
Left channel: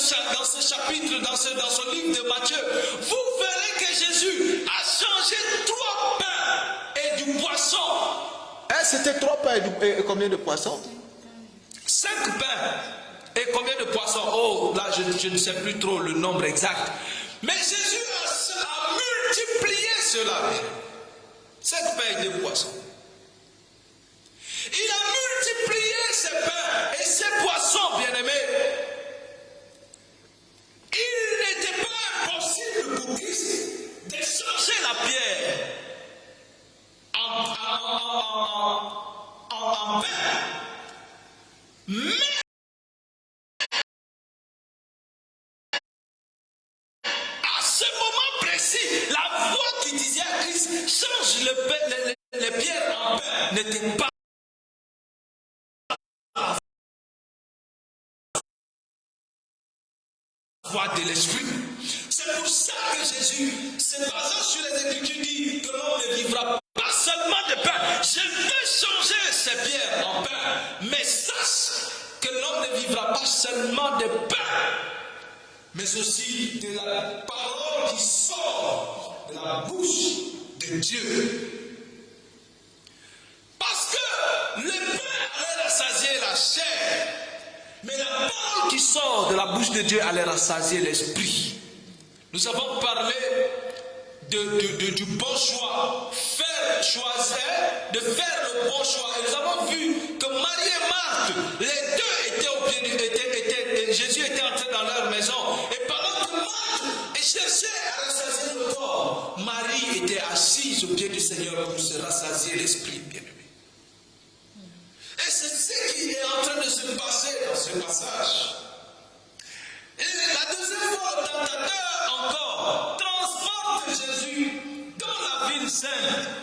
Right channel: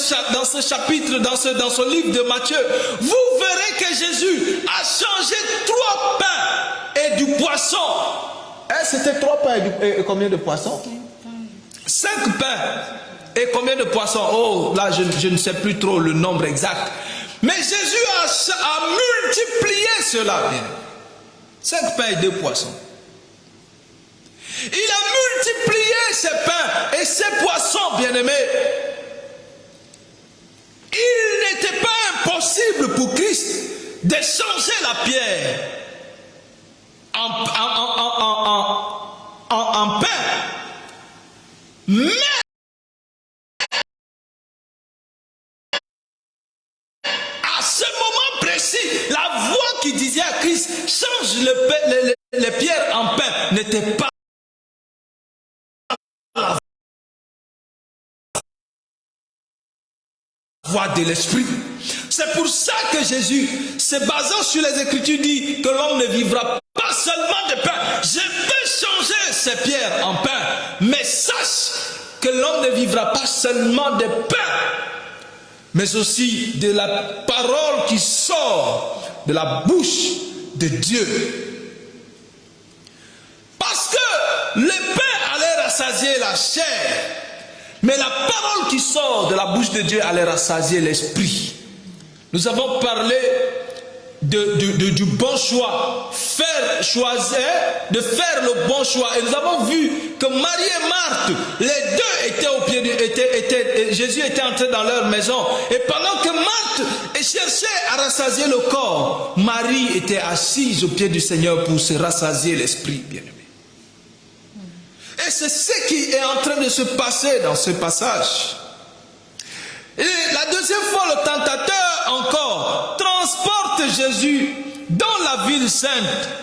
chapitre, dans ce livre de Matthieu, vous verrez que Jésus a changé 3 pains et du poisson. C'était 3 pains et combien de poissons? 5 pains et combien de poissons? Oh, là, je ne sais plus trop le nombre exact. Mais Jésus a multiplié cela. 5 pains et 2 poissons. Il a multiplié ses pains et ses poissons, bien-aimés. Il n'était pas impossible pour Christ de changer la pierre en pain. Mais à ce moment précis, la voix qui disait à Christ, change les pierres en pain, n'était pas la voix de l'Esprit. C'est pour ça que Jésus, se basant sur les Écritures, dit que l'homme ne vivra pas seulement de pain. Je peux changer ces pierres en pain, mais sache que l'homme ne vivra pas seulement de pain, mais aussi de la parole qui sort de la bouche de Dieu. Parce que le pain allait rassasier la chair, mais la parole qui sort de la bouche de Dieu allait rassasier l'esprit. Nous avons parlé du bon choix, de faire le bon choix. Et nous avons vu que Marie et Marthe, les deux étaient au pied Jésus était entré dans leur maison. Et pendant que Marthe cherchait à rassasier le corps, Marie était assise au pied du Seigneur pour se rassasier l'esprit. Et c'est ce qui est en train de se passer dans ce passage. Et la deuxième fois, le tentateur encore transporte Jésus dans la ville sainte,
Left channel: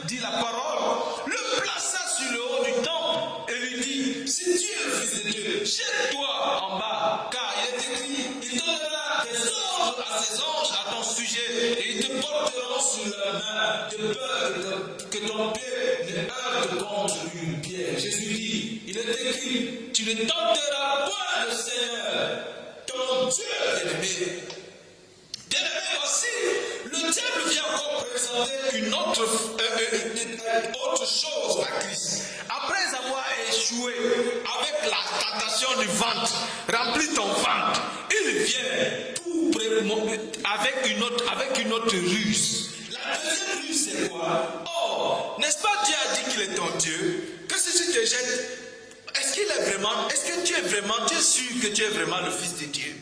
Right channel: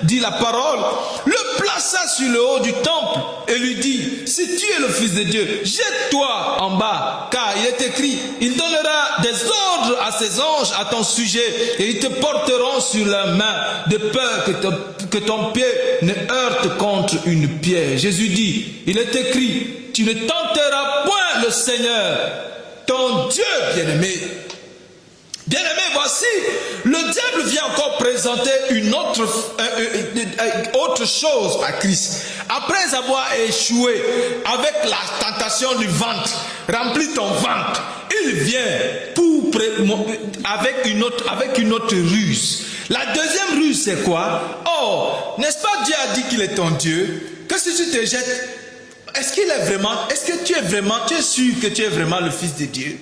dit la parole, le plaça sur le haut du temple et lui dit, si tu es le Fils de Dieu, jette-toi en bas, car il est écrit, il donnera des ordres à ses anges à ton sujet et ils te porteront sur leurs mains, de peur que ton pied ne heurte contre une pierre. Jésus dit, il est écrit, tu ne tenteras point le Seigneur, ton Dieu, bien-aimé. Bien-aimé, voici, le diable vient encore présenter une autre chose à Christ. Après avoir échoué avec la tentation du ventre, remplis ton ventre, il vient avec une autre ruse. La deuxième ruse, c'est quoi? Oh, n'est-ce pas Dieu a dit qu'il est ton Dieu? Que si tu te jettes, est-ce que tu es sûr que tu es vraiment le Fils de Dieu?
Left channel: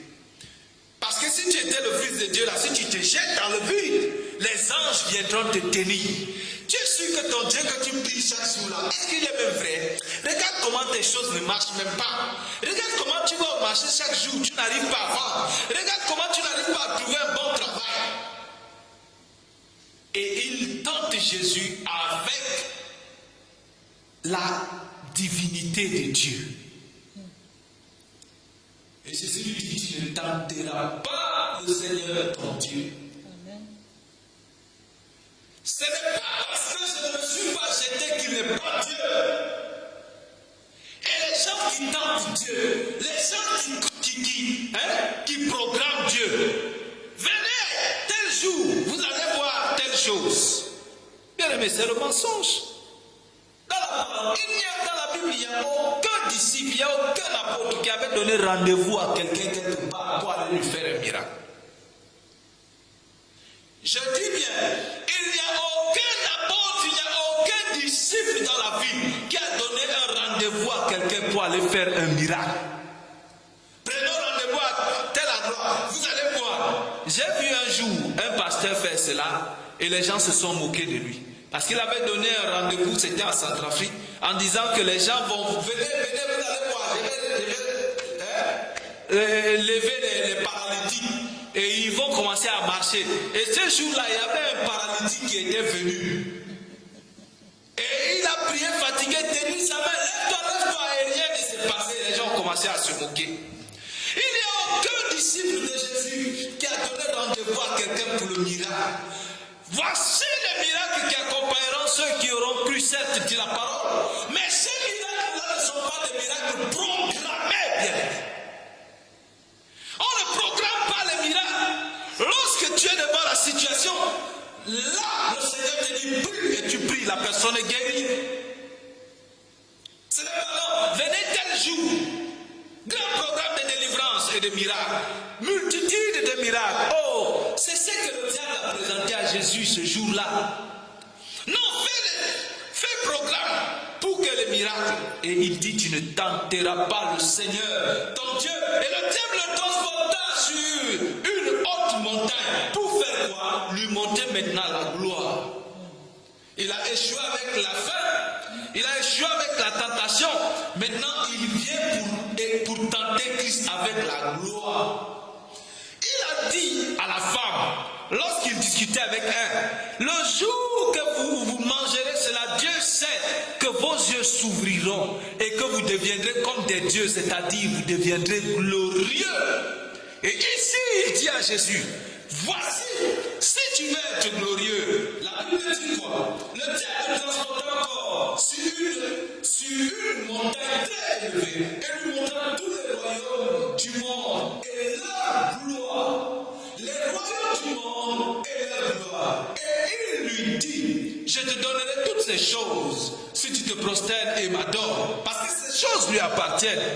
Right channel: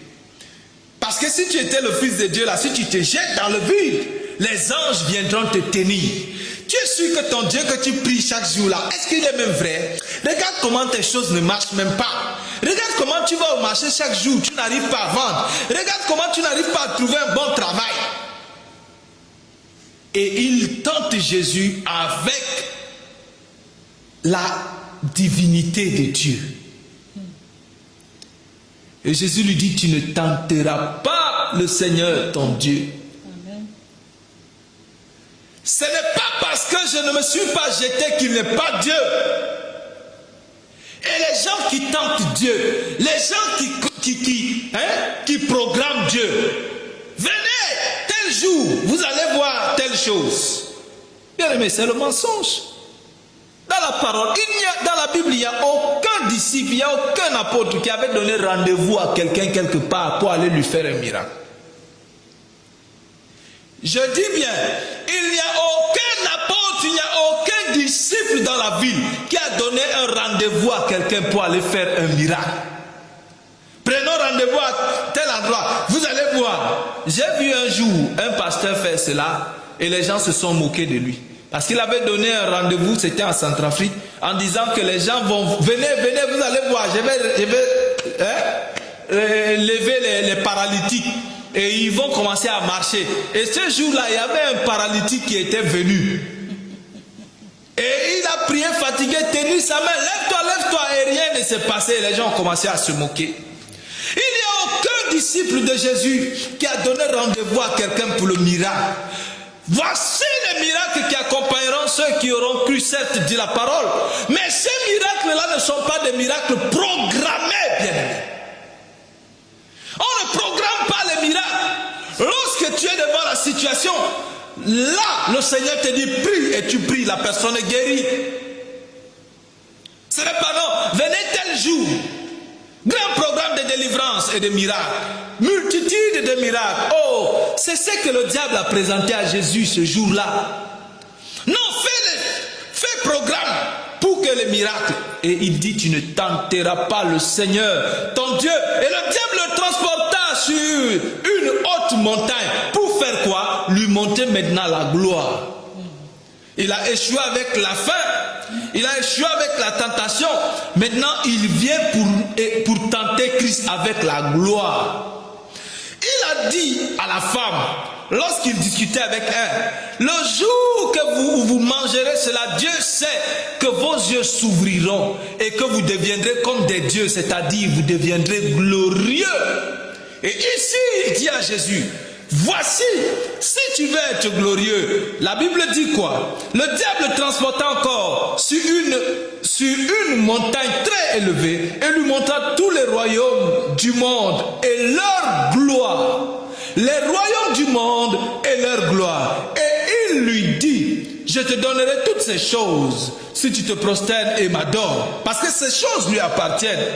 Parce que si tu étais le Fils de Dieu, là, si tu te jettes dans le vide, les anges viendront te tenir. Tu es sûr que ton Dieu que tu pries chaque jour là, est-ce qu'il est même vrai? Regarde comment tes choses ne marchent même pas. Regarde comment tu vas au marché chaque jour, tu n'arrives pas à vendre. Regarde comment tu n'arrives pas à trouver un bon travail. Et il tente Jésus avec la divinité de Dieu. Et Jésus lui dit, tu ne tenteras pas le Seigneur ton Dieu. Ce n'est pas parce que je ne me suis pas jeté qu'il n'est pas Dieu. Et les gens qui tentent Dieu, les gens qui programment Dieu, venez, tel jour, vous allez voir telle chose. Mais c'est le mensonge. Dans la parole, dans la Bible, il n'y a aucun disciple, il n'y a aucun apôtre qui avait donné rendez-vous à quelqu'un quelque part pour aller lui faire un miracle. Je dis bien, il n'y a aucun apôtre, il n'y a aucun disciple dans la ville qui a donné un rendez-vous à quelqu'un pour aller faire un miracle. Prenons rendez-vous à tel endroit. Vous allez voir. J'ai vu un jour un pasteur faire cela et les gens se sont moqués de lui. Parce qu'il avait donné un rendez-vous, c'était en Centrafrique, en disant que les gens vont... Venez, vous allez voir, je vais lever les paralytiques. Et ils vont commencer à marcher. Et ce jour-là, il y avait un paralytique qui était venu. Et il a prié fatigué, tenu sa main. Lève-toi, et rien ne s'est passé. Les gens ont commencé à se moquer. Il n'y a aucun disciple de Jésus qui a donné rendez-vous à quelqu'un pour le miracle. Voici les miracles qui accompagneront ceux qui auront cru, certes, dit la parole. Mais ces miracles-là ne sont pas des miracles programmés, bien aimés. On ne programme pas les miracles. Lorsque tu es devant la situation, là, le Seigneur te dit prie et tu pries, la personne est guérie. Ce n'est pas non, venez tel jour. Grand programme de délivrance et de miracles. Multitude de miracles. Oh, c'est ce que le diable a présenté à Jésus ce jour-là. Non, fais programme pour que les miracles. Et il dit, tu ne tenteras pas le Seigneur, ton Dieu. Et le diable le transporta sur une haute montagne. Pour faire quoi? Lui monter maintenant la gloire. Il a échoué avec la faim. Il a échoué avec la tentation. Maintenant, il vient pour tenter Christ avec la gloire. Il a dit à la femme, lorsqu'il discutait avec elle, le jour que vous mangerez cela, Dieu sait que vos yeux s'ouvriront et que vous deviendrez comme des dieux, c'est-à-dire vous deviendrez glorieux. Et ici, il dit à Jésus, voici, si tu veux être glorieux, la Bible dit quoi? Le diable transporta encore sur une montagne très élevée et lui montra tous les royaumes du monde et leur gloire. Les royaumes du monde et leur gloire. Et il lui dit, je te donnerai toutes ces choses si tu te prosternes et m'adores. Parce que ces choses lui appartiennent.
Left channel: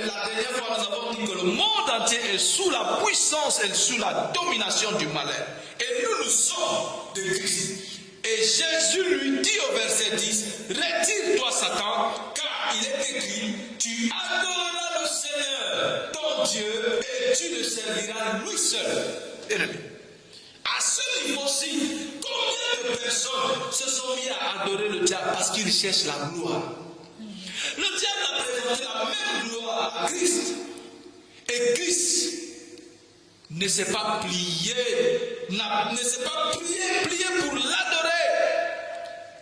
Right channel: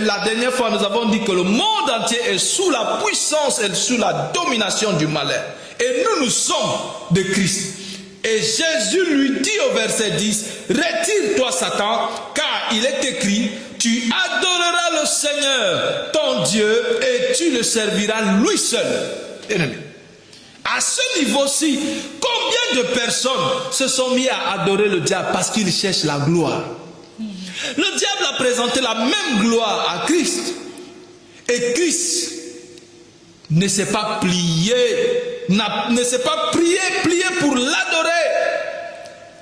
La dernière fois, nous avons dit que le monde entier est sous la puissance et sous la domination du malheur. Et nous sommes de Christ. Et Jésus lui dit au verset 10, retire-toi Satan, car il est écrit, tu adoreras le Seigneur, ton Dieu, et tu le serviras lui seul. Amen. À ce niveau-ci, combien de personnes se sont mis à adorer le diable parce qu'ils cherchent la gloire? Le diable a présenté la même gloire à Christ. Et Christ ne s'est pas plié, ne s'est pas plié pour l'adorer.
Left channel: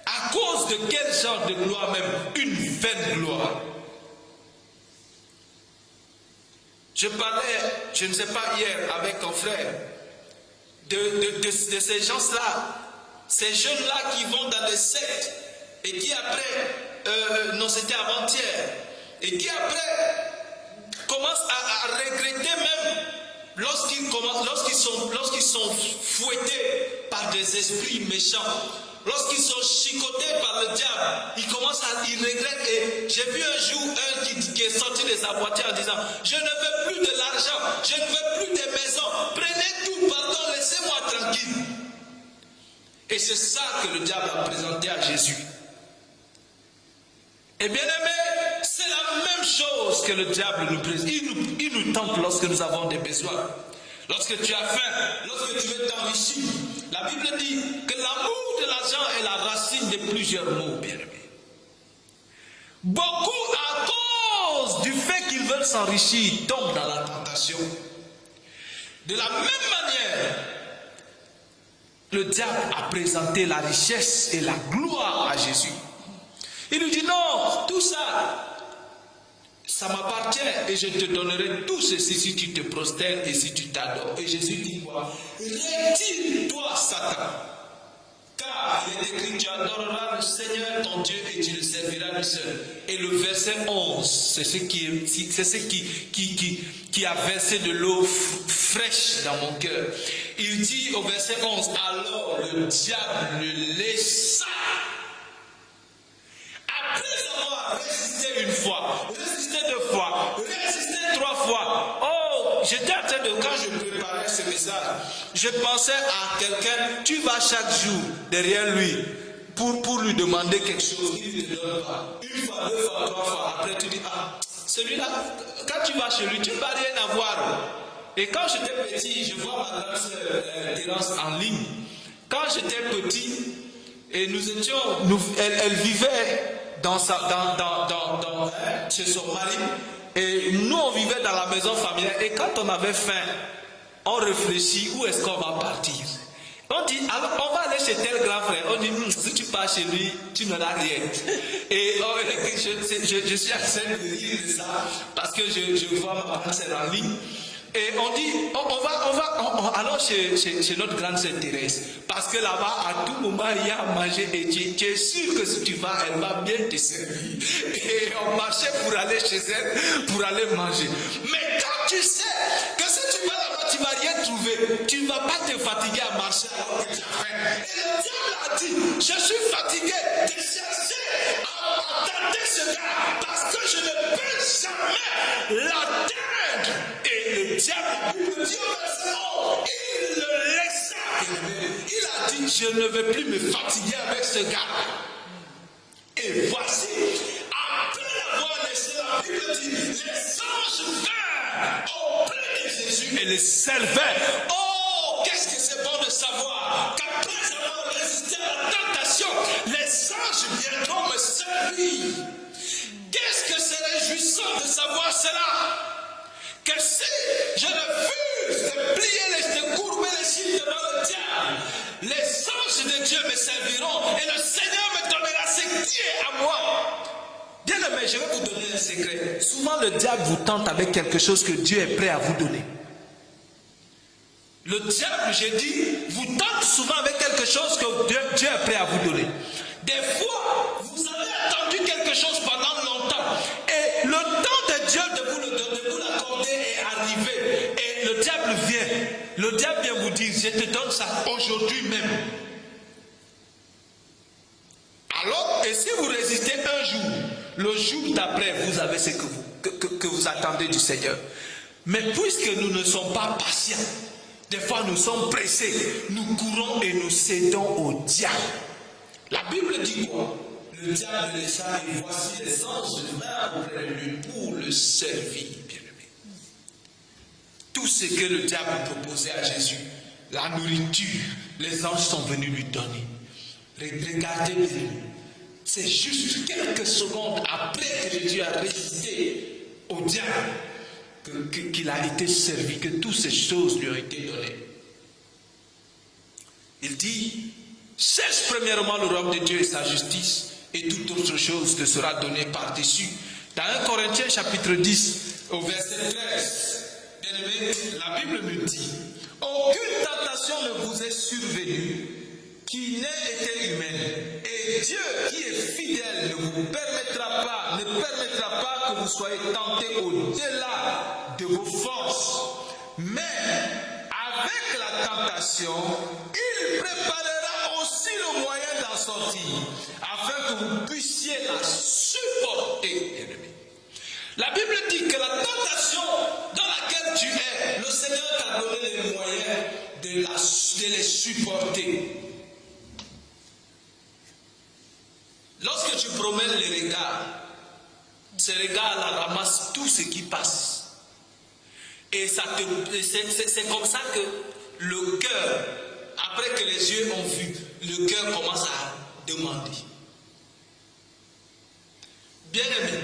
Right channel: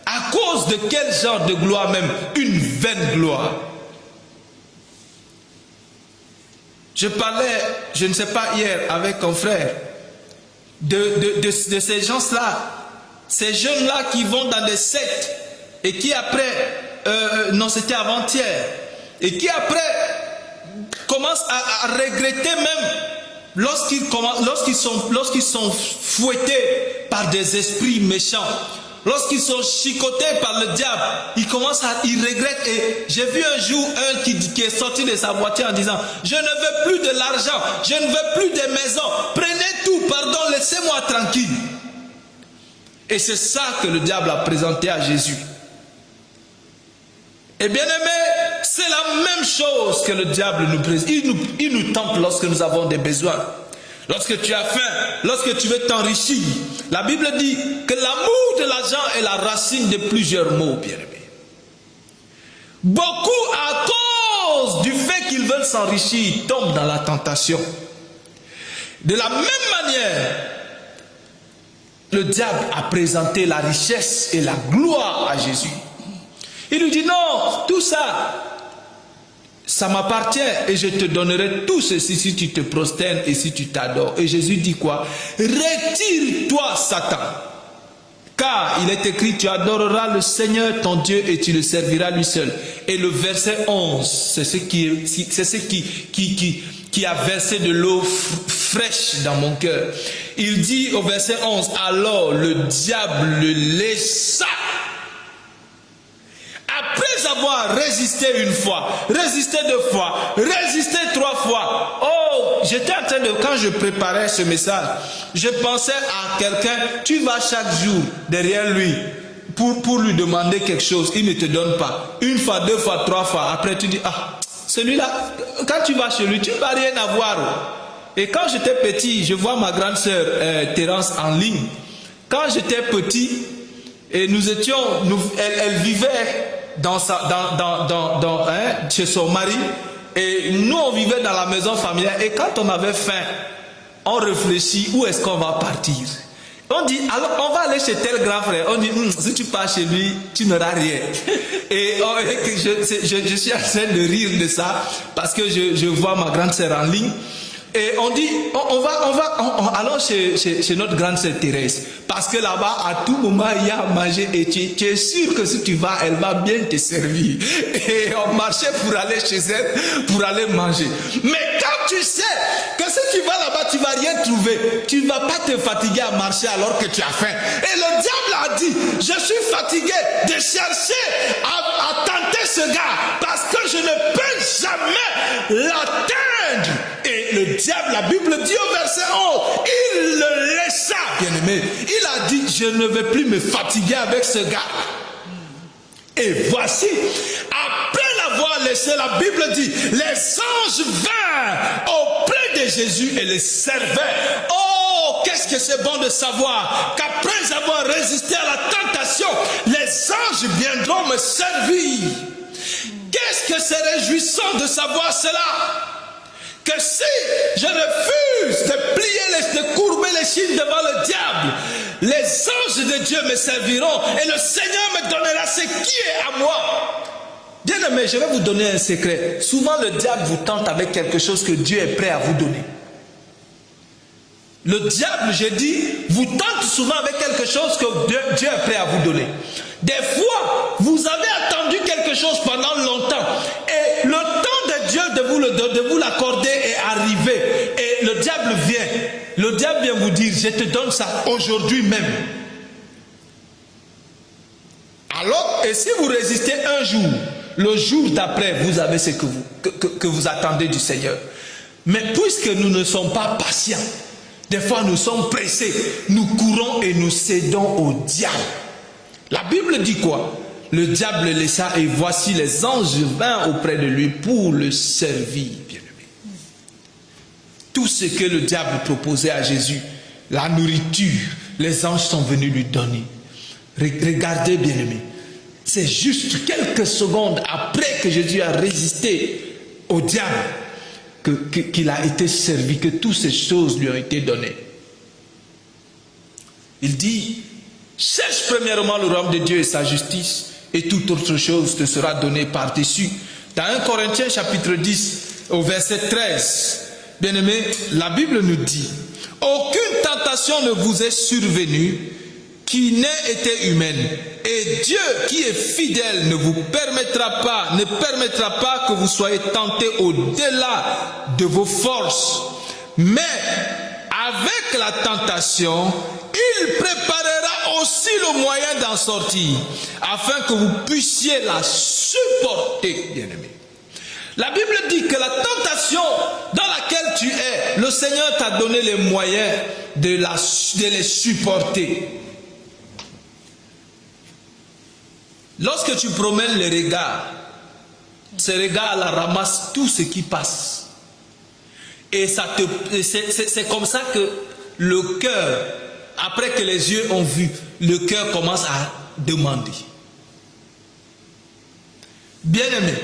À cause de quel genre de gloire même? Une vaine gloire. Je parlais, je ne sais pas, hier avec un frère de ces gens-là, ces jeunes-là qui vont dans des sectes et qui après, non c'était avant-hier, et qui après commencent à regretter même lorsqu'ils sont fouettés par des esprits méchants, lorsqu'ils sont chicotés par le diable, ils regrettent. Et j'ai vu un jour un qui est sorti de sa voiture en disant, je ne veux plus de l'argent, je ne veux plus de maison, prenez tout, pardon, laissez-moi tranquille. Et c'est ça que le diable a présenté à Jésus. Et bien aimé, c'est la même chose que le diable nous présente. Il nous tente lorsque nous avons des besoins. Lorsque tu as faim, lorsque tu veux t'enrichir. La Bible dit que l'amour de l'argent est la racine de plusieurs maux, bien aimé. Beaucoup, à cause du fait qu'ils veulent s'enrichir, tombent dans la tentation. De la même manière, le diable a présenté la richesse et la gloire à Jésus. Il lui dit non, tout ça, ça m'appartient et je te donnerai tout ceci si tu te prosternes et si tu t'adores. Et Jésus dit quoi? Retire-toi Satan, car il est écrit, tu adoreras le Seigneur ton Dieu et tu le serviras lui seul. Et le verset 11, c'est ce qui a versé de l'eau fraîche dans mon cœur. Il dit au verset 11, alors le diable le laissa. résister une fois, résister 2 fois, résister 3 fois. Oh, j'étais en train de, quand je préparais ce message, je pensais à quelqu'un, tu vas chaque jour derrière lui pour lui demander quelque chose, il ne te donne pas. 1 fois, 2 fois, 3 fois, après tu dis, ah, celui-là, quand tu vas chez lui, tu ne vas rien avoir. Et quand j'étais petit, je vois ma grande sœur Thérence en ligne. Quand j'étais petit, et nous étions, elle vivait chez son mari, et nous on vivait dans la maison familiale. Et quand on avait faim, on réfléchit où est-ce qu'on va partir. On dit, alors on va aller chez tel grand frère. On dit, si tu pars chez lui, tu n'auras rien. Et je suis en train de rire de ça parce que je vois ma grande sœur en ligne. Et on dit, on va alors chez notre grande sœur Thérèse. Parce que là-bas, à tout moment, il y a à manger. Et tu es sûr que si tu vas, elle va bien te servir. Et on marchait pour aller chez elle, pour aller manger. Mais quand tu sais que si tu vas là-bas, tu ne vas rien trouver. Tu ne vas pas te fatiguer à marcher alors que tu as faim. Et le diable a dit, je suis fatigué de chercher à tenter ce gars. Parce que je ne peux jamais l'atteindre. Et le diable, la Bible dit au verset 11, il le laissa, bien-aimé. Il a dit, je ne vais plus me fatiguer avec ce gars. Et voici, après l'avoir laissé, la Bible dit, les anges vinrent auprès de Jésus et le servaient. Oh, qu'est-ce que c'est bon de savoir qu'après avoir résisté à la tentation, les anges viendront me servir. Qu'est-ce que c'est réjouissant de savoir cela? Que si je refuse de plier, de courber les chines devant le diable, les anges de Dieu me serviront et le Seigneur me donnera ce qui est à moi. Bien aimé, je vais vous donner un secret. Souvent le diable vous tente avec quelque chose que Dieu est prêt à vous donner. Le diable, je dis, vous tente souvent avec quelque chose que Dieu est prêt à vous donner. Des fois, vous avez attendu quelque chose pendant longtemps et le temps de Dieu de vous l'accorder est arrivé. Et le diable vient. Le diable vient vous dire, je te donne ça aujourd'hui même. Alors, et si vous résistez un jour, le jour d'après, vous avez ce que vous attendez du Seigneur. Mais puisque nous ne sommes pas patients, des fois nous sommes pressés, nous courons et nous cédons au diable. La Bible dit quoi? Le diable le laissa et voici les anges vinrent auprès de lui pour le servir. Tout ce que le diable proposait à Jésus, la nourriture, les anges sont venus lui donner. Regardez, bien-aimés, c'est juste quelques secondes après que Jésus a résisté au diable qu'il a été servi, que toutes ces choses lui ont été données. Il dit, cherche premièrement le royaume de Dieu et sa justice, et toute autre chose te sera donnée par-dessus. Dans 1 Corinthiens chapitre 10, au verset 13, bien-aimé, la Bible nous dit, aucune tentation ne vous est survenue qui n'ait été humaine. Et Dieu qui est fidèle ne permettra pas que vous soyez tentés au-delà de vos forces. Mais avec la tentation, il préparera aussi le moyen d'en sortir, afin que vous puissiez la supporter, bien-aimés. La Bible dit que la tentation dans laquelle tu es, le Seigneur t'a donné les moyens de les supporter. Lorsque tu promènes les regards, ces regards-là ramassent tout ce qui passe. Et c'est comme ça que le cœur, après que les yeux ont vu, le cœur commence à demander. Bien-aimé,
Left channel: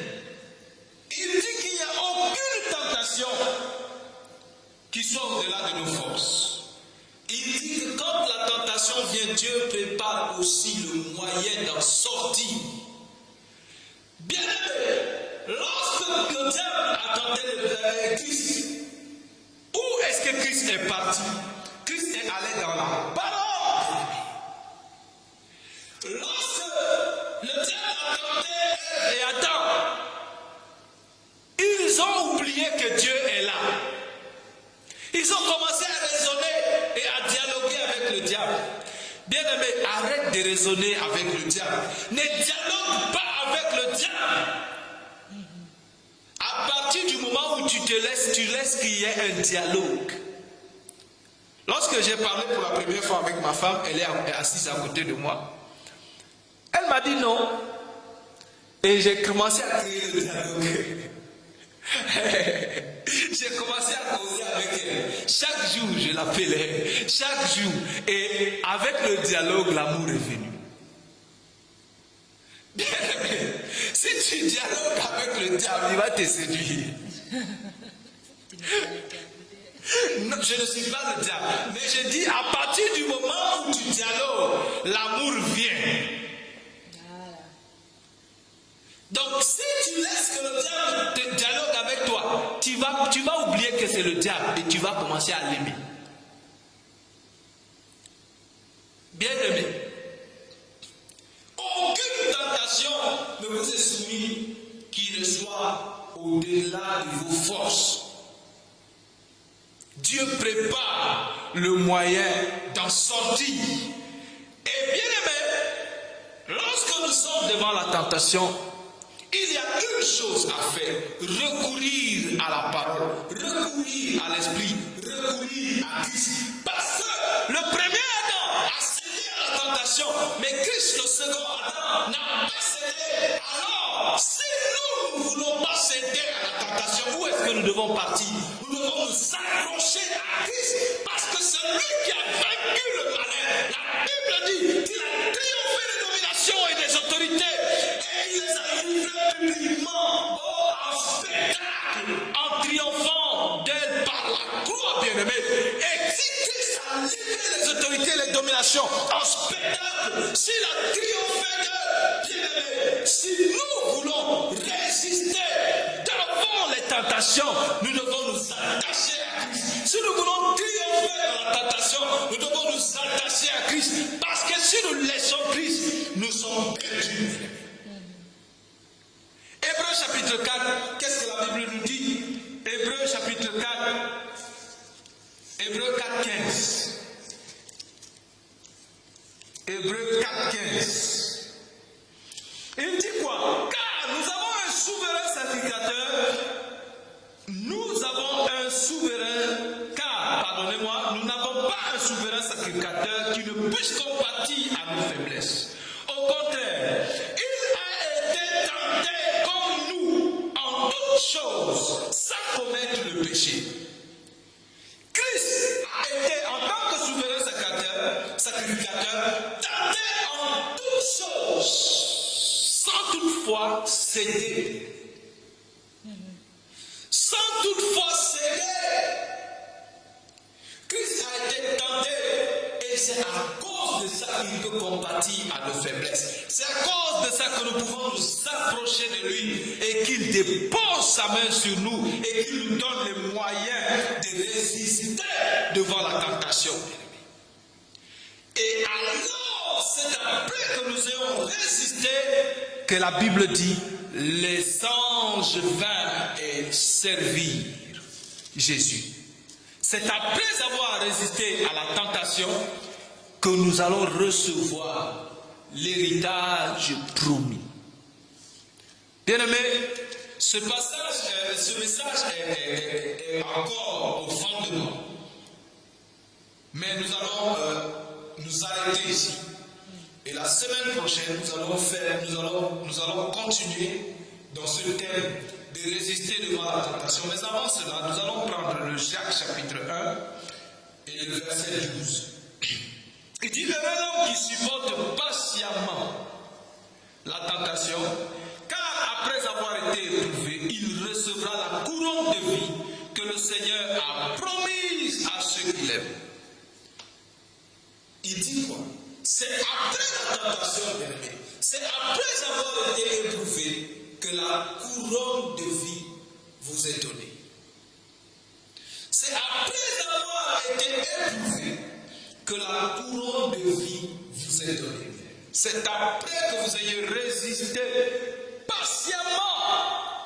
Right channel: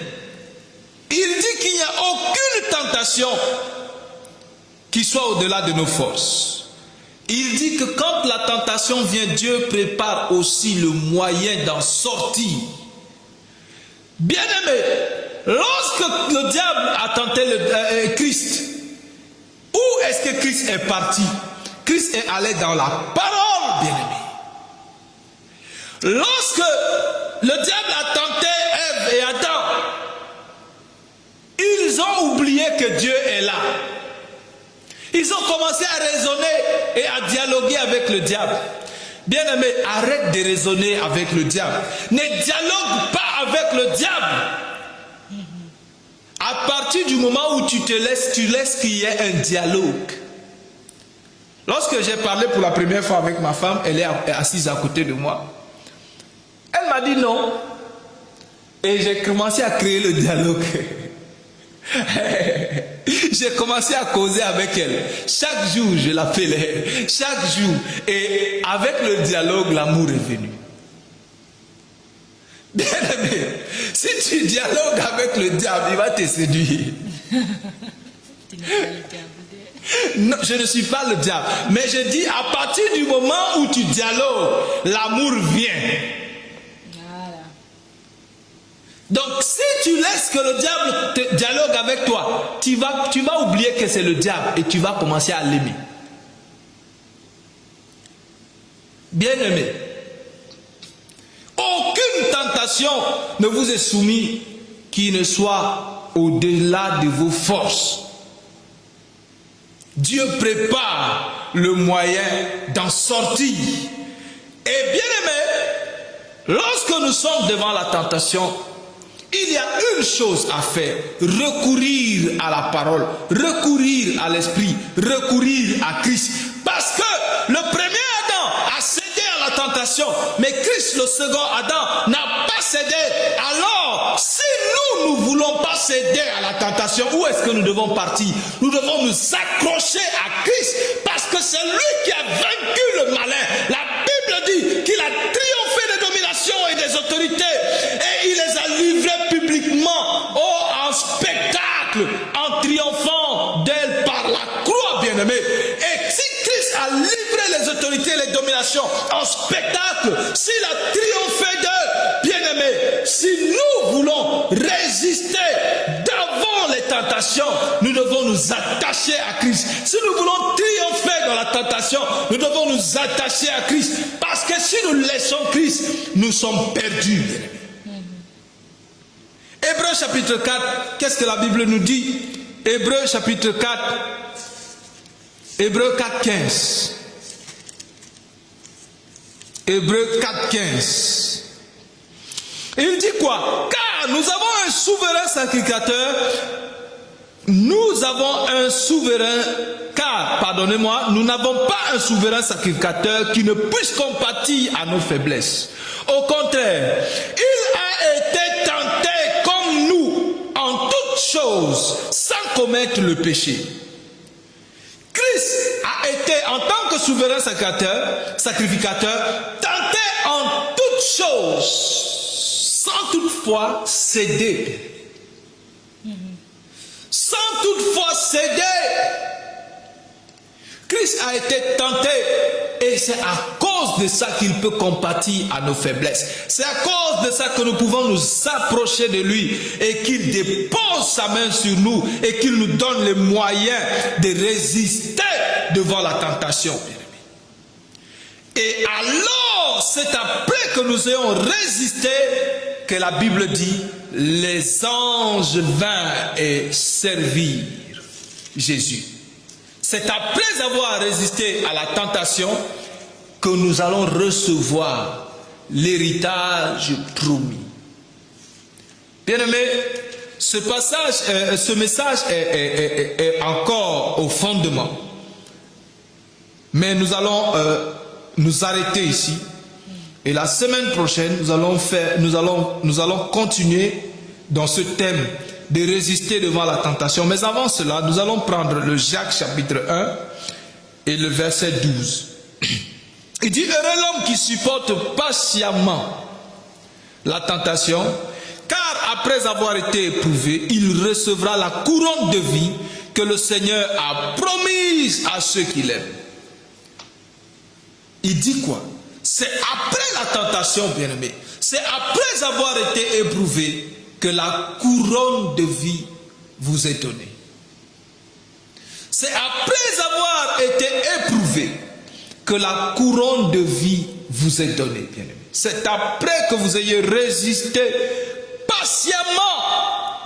il dit qu'il n'y a aucune tentation qui soit au-delà de nos forces. Il dit que quand la tentation vient, Dieu prépare aussi le moyen d'en sortir. Bien-aimé, lorsque le diable a tenté Christ, où est-ce que Christ est parti? Christ est allé dans la parole, bien-aimé. Lorsque le diable a tenté Ève et Adam, ils ont oublié que Dieu est là. Ils ont commencé à raisonner et à dialoguer avec le diable. Bien-aimé, arrête de raisonner avec le diable. Ne dialogue pas avec le diable. À partir du moment où tu laisses qu'il y ait un dialogue. Lorsque j'ai parlé pour la première fois avec ma femme, elle est assise à côté de moi. Elle m'a dit non. Et j'ai commencé à créer le dialogue. J'ai commencé à causer avec elle. Chaque jour, je l'appelais. Chaque jour. Et avec le dialogue, l'amour est venu. Bien-aimé, si tu dialogues avec le diable, il va te séduire. Non, je ne suis pas le diable. Mais je dis, à partir du moment où tu dialogues, l'amour vient. Donc, si tu laisses que le diable dialogue avec toi, tu vas oublier que c'est le diable et tu vas commencer à l'aimer. Bien-aimé, aucune tentation ne vous est soumise qui ne soit au-delà de vos forces. Dieu prépare le moyen d'en sortir. Et bien-aimé, lorsque nous sommes devant la tentation, il y a une chose à faire, recourir à la parole, recourir à l'esprit, recourir à Christ. Parce que le premier Adam a cédé à la tentation, mais Christ, le second Adam, n'a pas cédé. Alors, si nous ne voulons pas céder à la tentation, où est-ce que nous devons partir? Nous devons nous accrocher à Christ, parce que c'est lui qui a vaincu le malin. La Bible dit qu'il a triomphé des dominations et des autorités, et il les a livrés publiquement en spectacle, en triomphant d'elle par la croix, bien-aimé. Et si Christ a livré les autorités et les dominations en spectacle, s'il a triomphé d'eux, bien-aimé, si nous voulons résister devant les tentations, nous devons nous attacher à Christ. Si nous voulons triompher dans la tentation, nous devons nous attacher à Christ. Parce que si nous laissons Christ, nous sommes perdus. Hébreux chapitre 4, qu'est-ce que la Bible nous dit? Hébreux chapitre 4, Hébreux 4, 15. Hébreux 4, 15. Il dit quoi? Car nous avons un souverain sacrificateur. Nous avons un souverain, car, pardonnez-moi, nous n'avons pas un souverain sacrificateur qui ne puisse compatir à nos faiblesses. Au contraire, il a été tenté comme nous en toutes choses, sans commettre le péché. Christ a été, en tant que souverain sacrificateur, tenté en toutes choses, sans toutefois céder. Sans toutefois céder. Christ a été tenté et c'est à cause de ça qu'il peut compatir à nos faiblesses. C'est à cause de ça que nous pouvons nous approcher de lui et qu'il dépose sa main sur nous et qu'il nous donne les moyens de résister devant la tentation. Et alors, c'est après que nous ayons résisté que la Bible dit, les anges vinrent et servirent Jésus. C'est après avoir résisté à la tentation que nous allons recevoir l'héritage promis. Bien-aimés, ce message est encore au fondement. Mais nous allons nous arrêter ici. Et la semaine prochaine, nous allons continuer dans ce thème de résister devant la tentation. Mais avant cela, nous allons prendre le Jacques chapitre 1 et le verset 12. Il dit, heureux l'homme qui supporte patiemment la tentation, car après avoir été éprouvé, il recevra la couronne de vie que le Seigneur a promise à ceux qui l'aiment. Il dit quoi? C'est après la tentation, bien-aimé. C'est après avoir été éprouvé que la couronne de vie vous est donnée. C'est après avoir été éprouvé que la couronne de vie vous est donnée, bien-aimé. C'est après que vous ayez résisté patiemment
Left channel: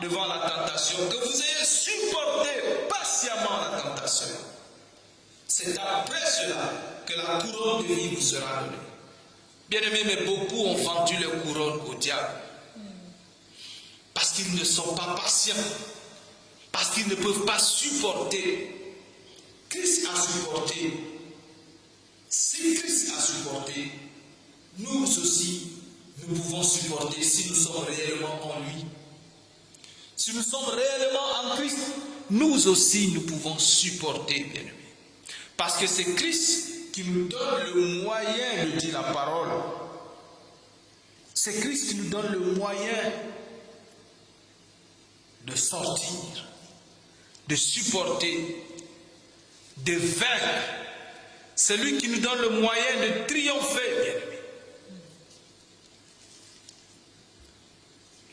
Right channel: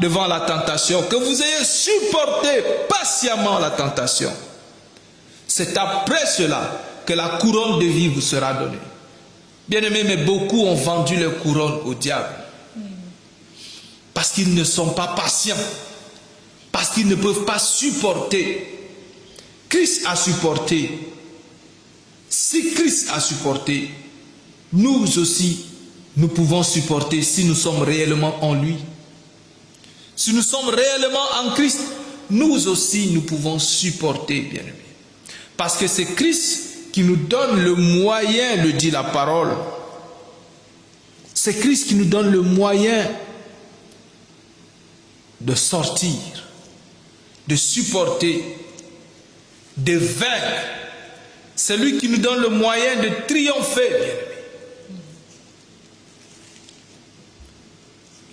devant la tentation, que vous ayez supporté patiemment la tentation. C'est après cela que la couronne de vie vous sera donnée. Bien-aimés, mais beaucoup ont vendu leur couronne au diable. Parce qu'ils ne sont pas patients. Parce qu'ils ne peuvent pas supporter. Christ a supporté. Si Christ a supporté, nous aussi, nous pouvons supporter si nous sommes réellement en lui. Si nous sommes réellement en Christ, nous aussi, nous pouvons supporter, bien aimé. Parce que c'est Christ qui nous donne le moyen de dire la parole. C'est Christ qui nous donne le moyen de sortir, de supporter, de vaincre. C'est lui qui nous donne le moyen de triompher.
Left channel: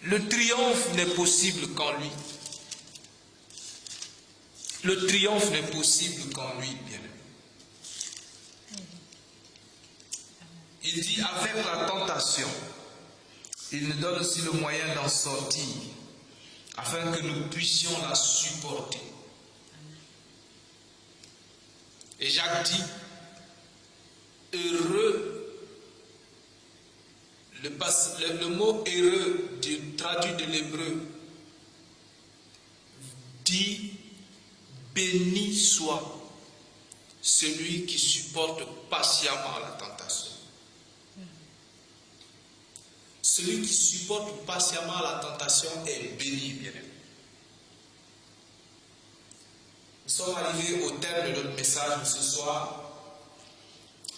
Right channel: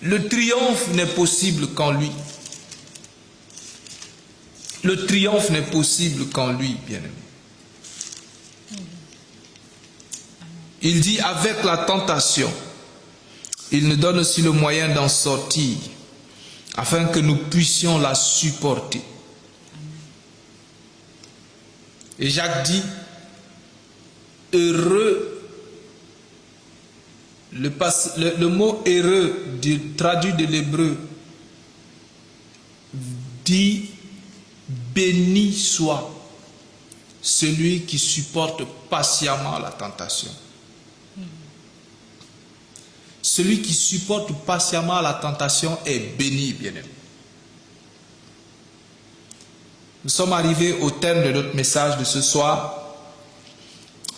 Le triomphe n'est possible qu'en lui. Le triomphe n'est possible qu'en lui, bien-aimé. Il dit avec la tentation, il nous donne aussi le moyen d'en sortir, afin que nous puissions la supporter. Et Jacques dit, heureux, le mot heureux traduit de l'hébreu dit béni soit celui qui supporte patiemment la tentation. Celui qui supporte patiemment la tentation est béni, bien-aimé. Nous sommes arrivés au terme de notre message de ce soir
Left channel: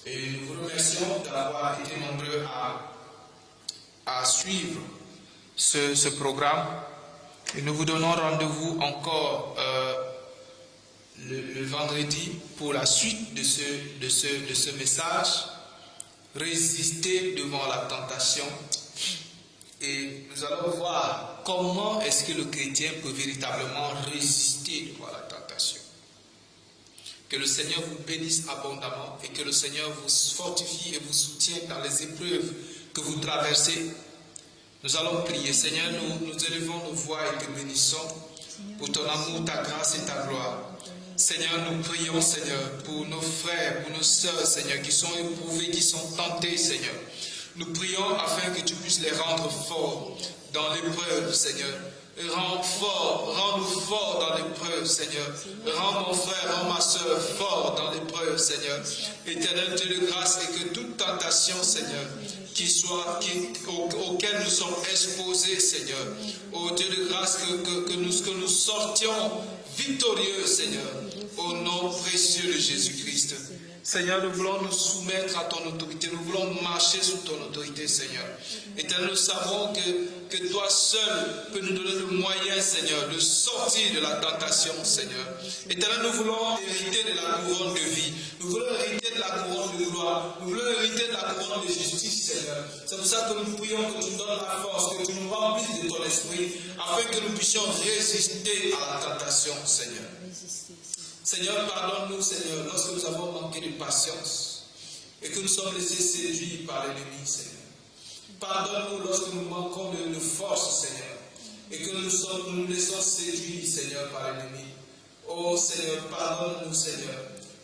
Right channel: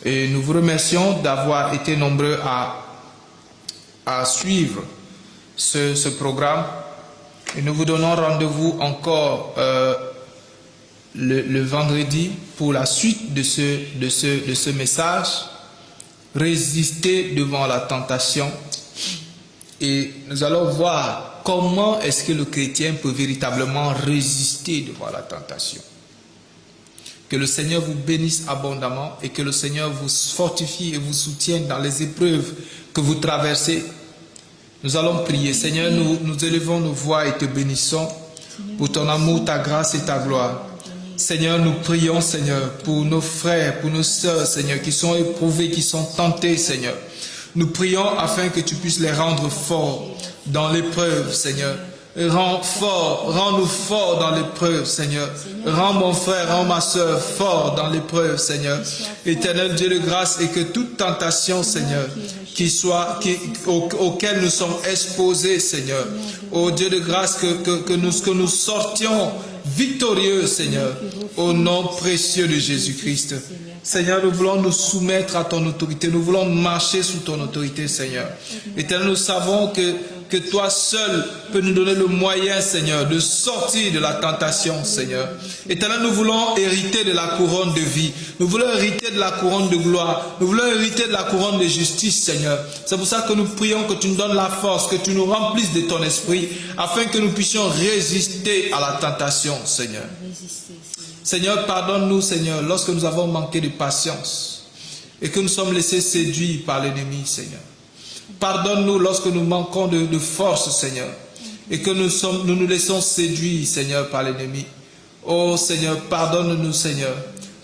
et nous vous remercions d'avoir été nombreux à suivre ce programme et nous vous donnons rendez-vous encore le vendredi pour la suite de ce message. Résister devant la tentation. Et nous allons voir comment est-ce que le chrétien peut véritablement résister devant la tentation. Que le Seigneur vous bénisse abondamment et que le Seigneur vous fortifie et vous soutienne dans les épreuves que vous traversez. Nous allons prier. Seigneur, nous élevons nos voix et te bénissons pour ton amour, ta grâce et ta gloire. Seigneur, nous prions, Seigneur, pour nos frères, pour nos sœurs, Seigneur, qui sont éprouvés, qui sont tentés, Seigneur. Nous prions afin que tu puisses les rendre forts dans l'épreuve, Seigneur. Rends-nous forts dans l'épreuve, Seigneur. Rends mon frère, rends ma sœur fort dans l'épreuve, Seigneur. Éternel Dieu de grâce, et que toute tentation, Seigneur, auquel nous sommes exposés, Seigneur. Ô Dieu de grâce, que nous sortions victorieux, Seigneur, au nom précieux de Jésus-Christ. Seigneur, nous voulons nous soumettre à ton autorité. Nous voulons marcher sous ton autorité, Seigneur. Éternel, nous savons que toi seul peux nous donner le moyen, Seigneur, de sortir de la tentation, Seigneur. Éternel, nous voulons hériter de la couronne de vie. Nous voulons hériter de la couronne de gloire. Nous voulons hériter de la couronne de justice, Seigneur. C'est pour ça que nous prions que tu nous donnes la force, que tu nous remplisses de ton esprit, afin que nous puissions résister à la tentation, Seigneur. Seigneur, pardonne-nous, Seigneur, lorsque nous avons manqué de patience et que nous sommes laissés séduire par l'ennemi, Seigneur. Pardonne-nous lorsque nous manquons de force, Seigneur, et que nous nous laissons séduire, Seigneur, par l'ennemi. Oh, Seigneur, pardonne-nous, Seigneur,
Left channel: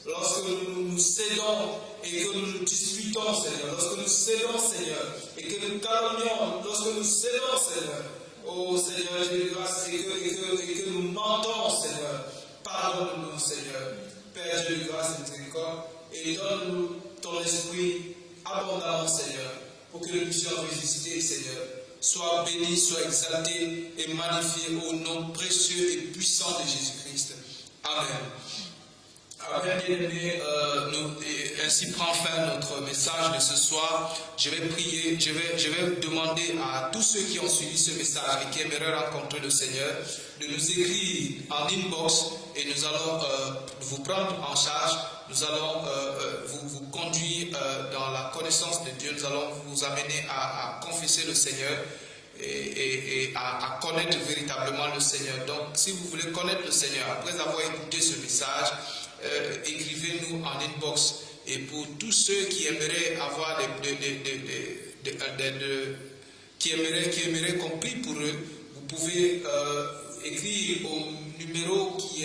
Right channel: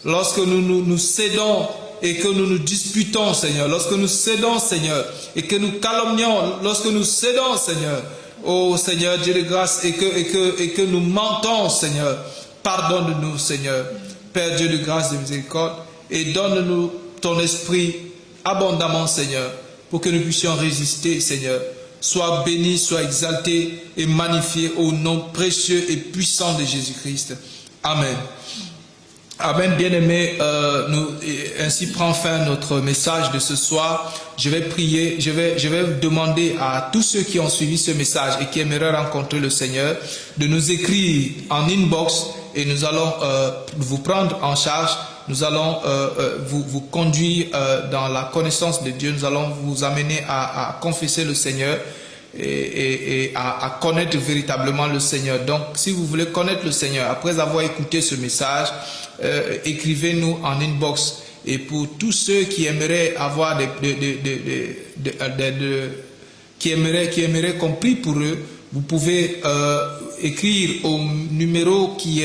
lorsque nous cédons et que nous nous disputons, Seigneur, lorsque nous cédons, Seigneur, et que nous calomnions, lorsque nous cédons, Seigneur. Oh, Seigneur, Dieu de grâce, et que nous mentons, Seigneur. Pardonne-nous, Seigneur, Père Dieu de grâce et de miséricorde, et donne-nous ton esprit abondamment, Seigneur, pour que nous puissions résister, Seigneur. Sois béni, sois exalté et magnifié au nom précieux et puissant de Jésus-Christ. Amen. Amen, bien-aimés, ainsi prend fin notre message de ce soir. Je vais prier, je vais demander à tous ceux qui ont suivi ce message et qui aimeraient rencontrer le Seigneur de nous écrire en inbox et nous allons vous prendre en charge. Nous allons vous conduire dans la connaissance de Dieu. Nous allons vous amener à confesser le Seigneur et à connaître véritablement le Seigneur. Donc, si vous voulez connaître le Seigneur, après avoir écouté ce message, écrivez-nous en inbox. Et pour tous ceux qui aimeraient avoir qui aimeraient qu'on prie pour eux, vous pouvez écrire au numéro qui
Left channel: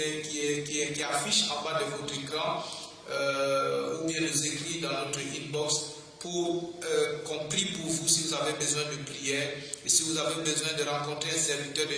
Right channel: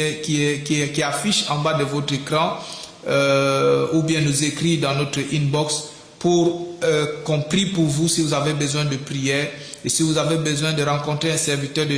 affiche en bas de votre écran ou bien nous écrire dans notre inbox pour qu'on prie pour vous si vous avez besoin de prière et si vous avez besoin de rencontrer un serviteur de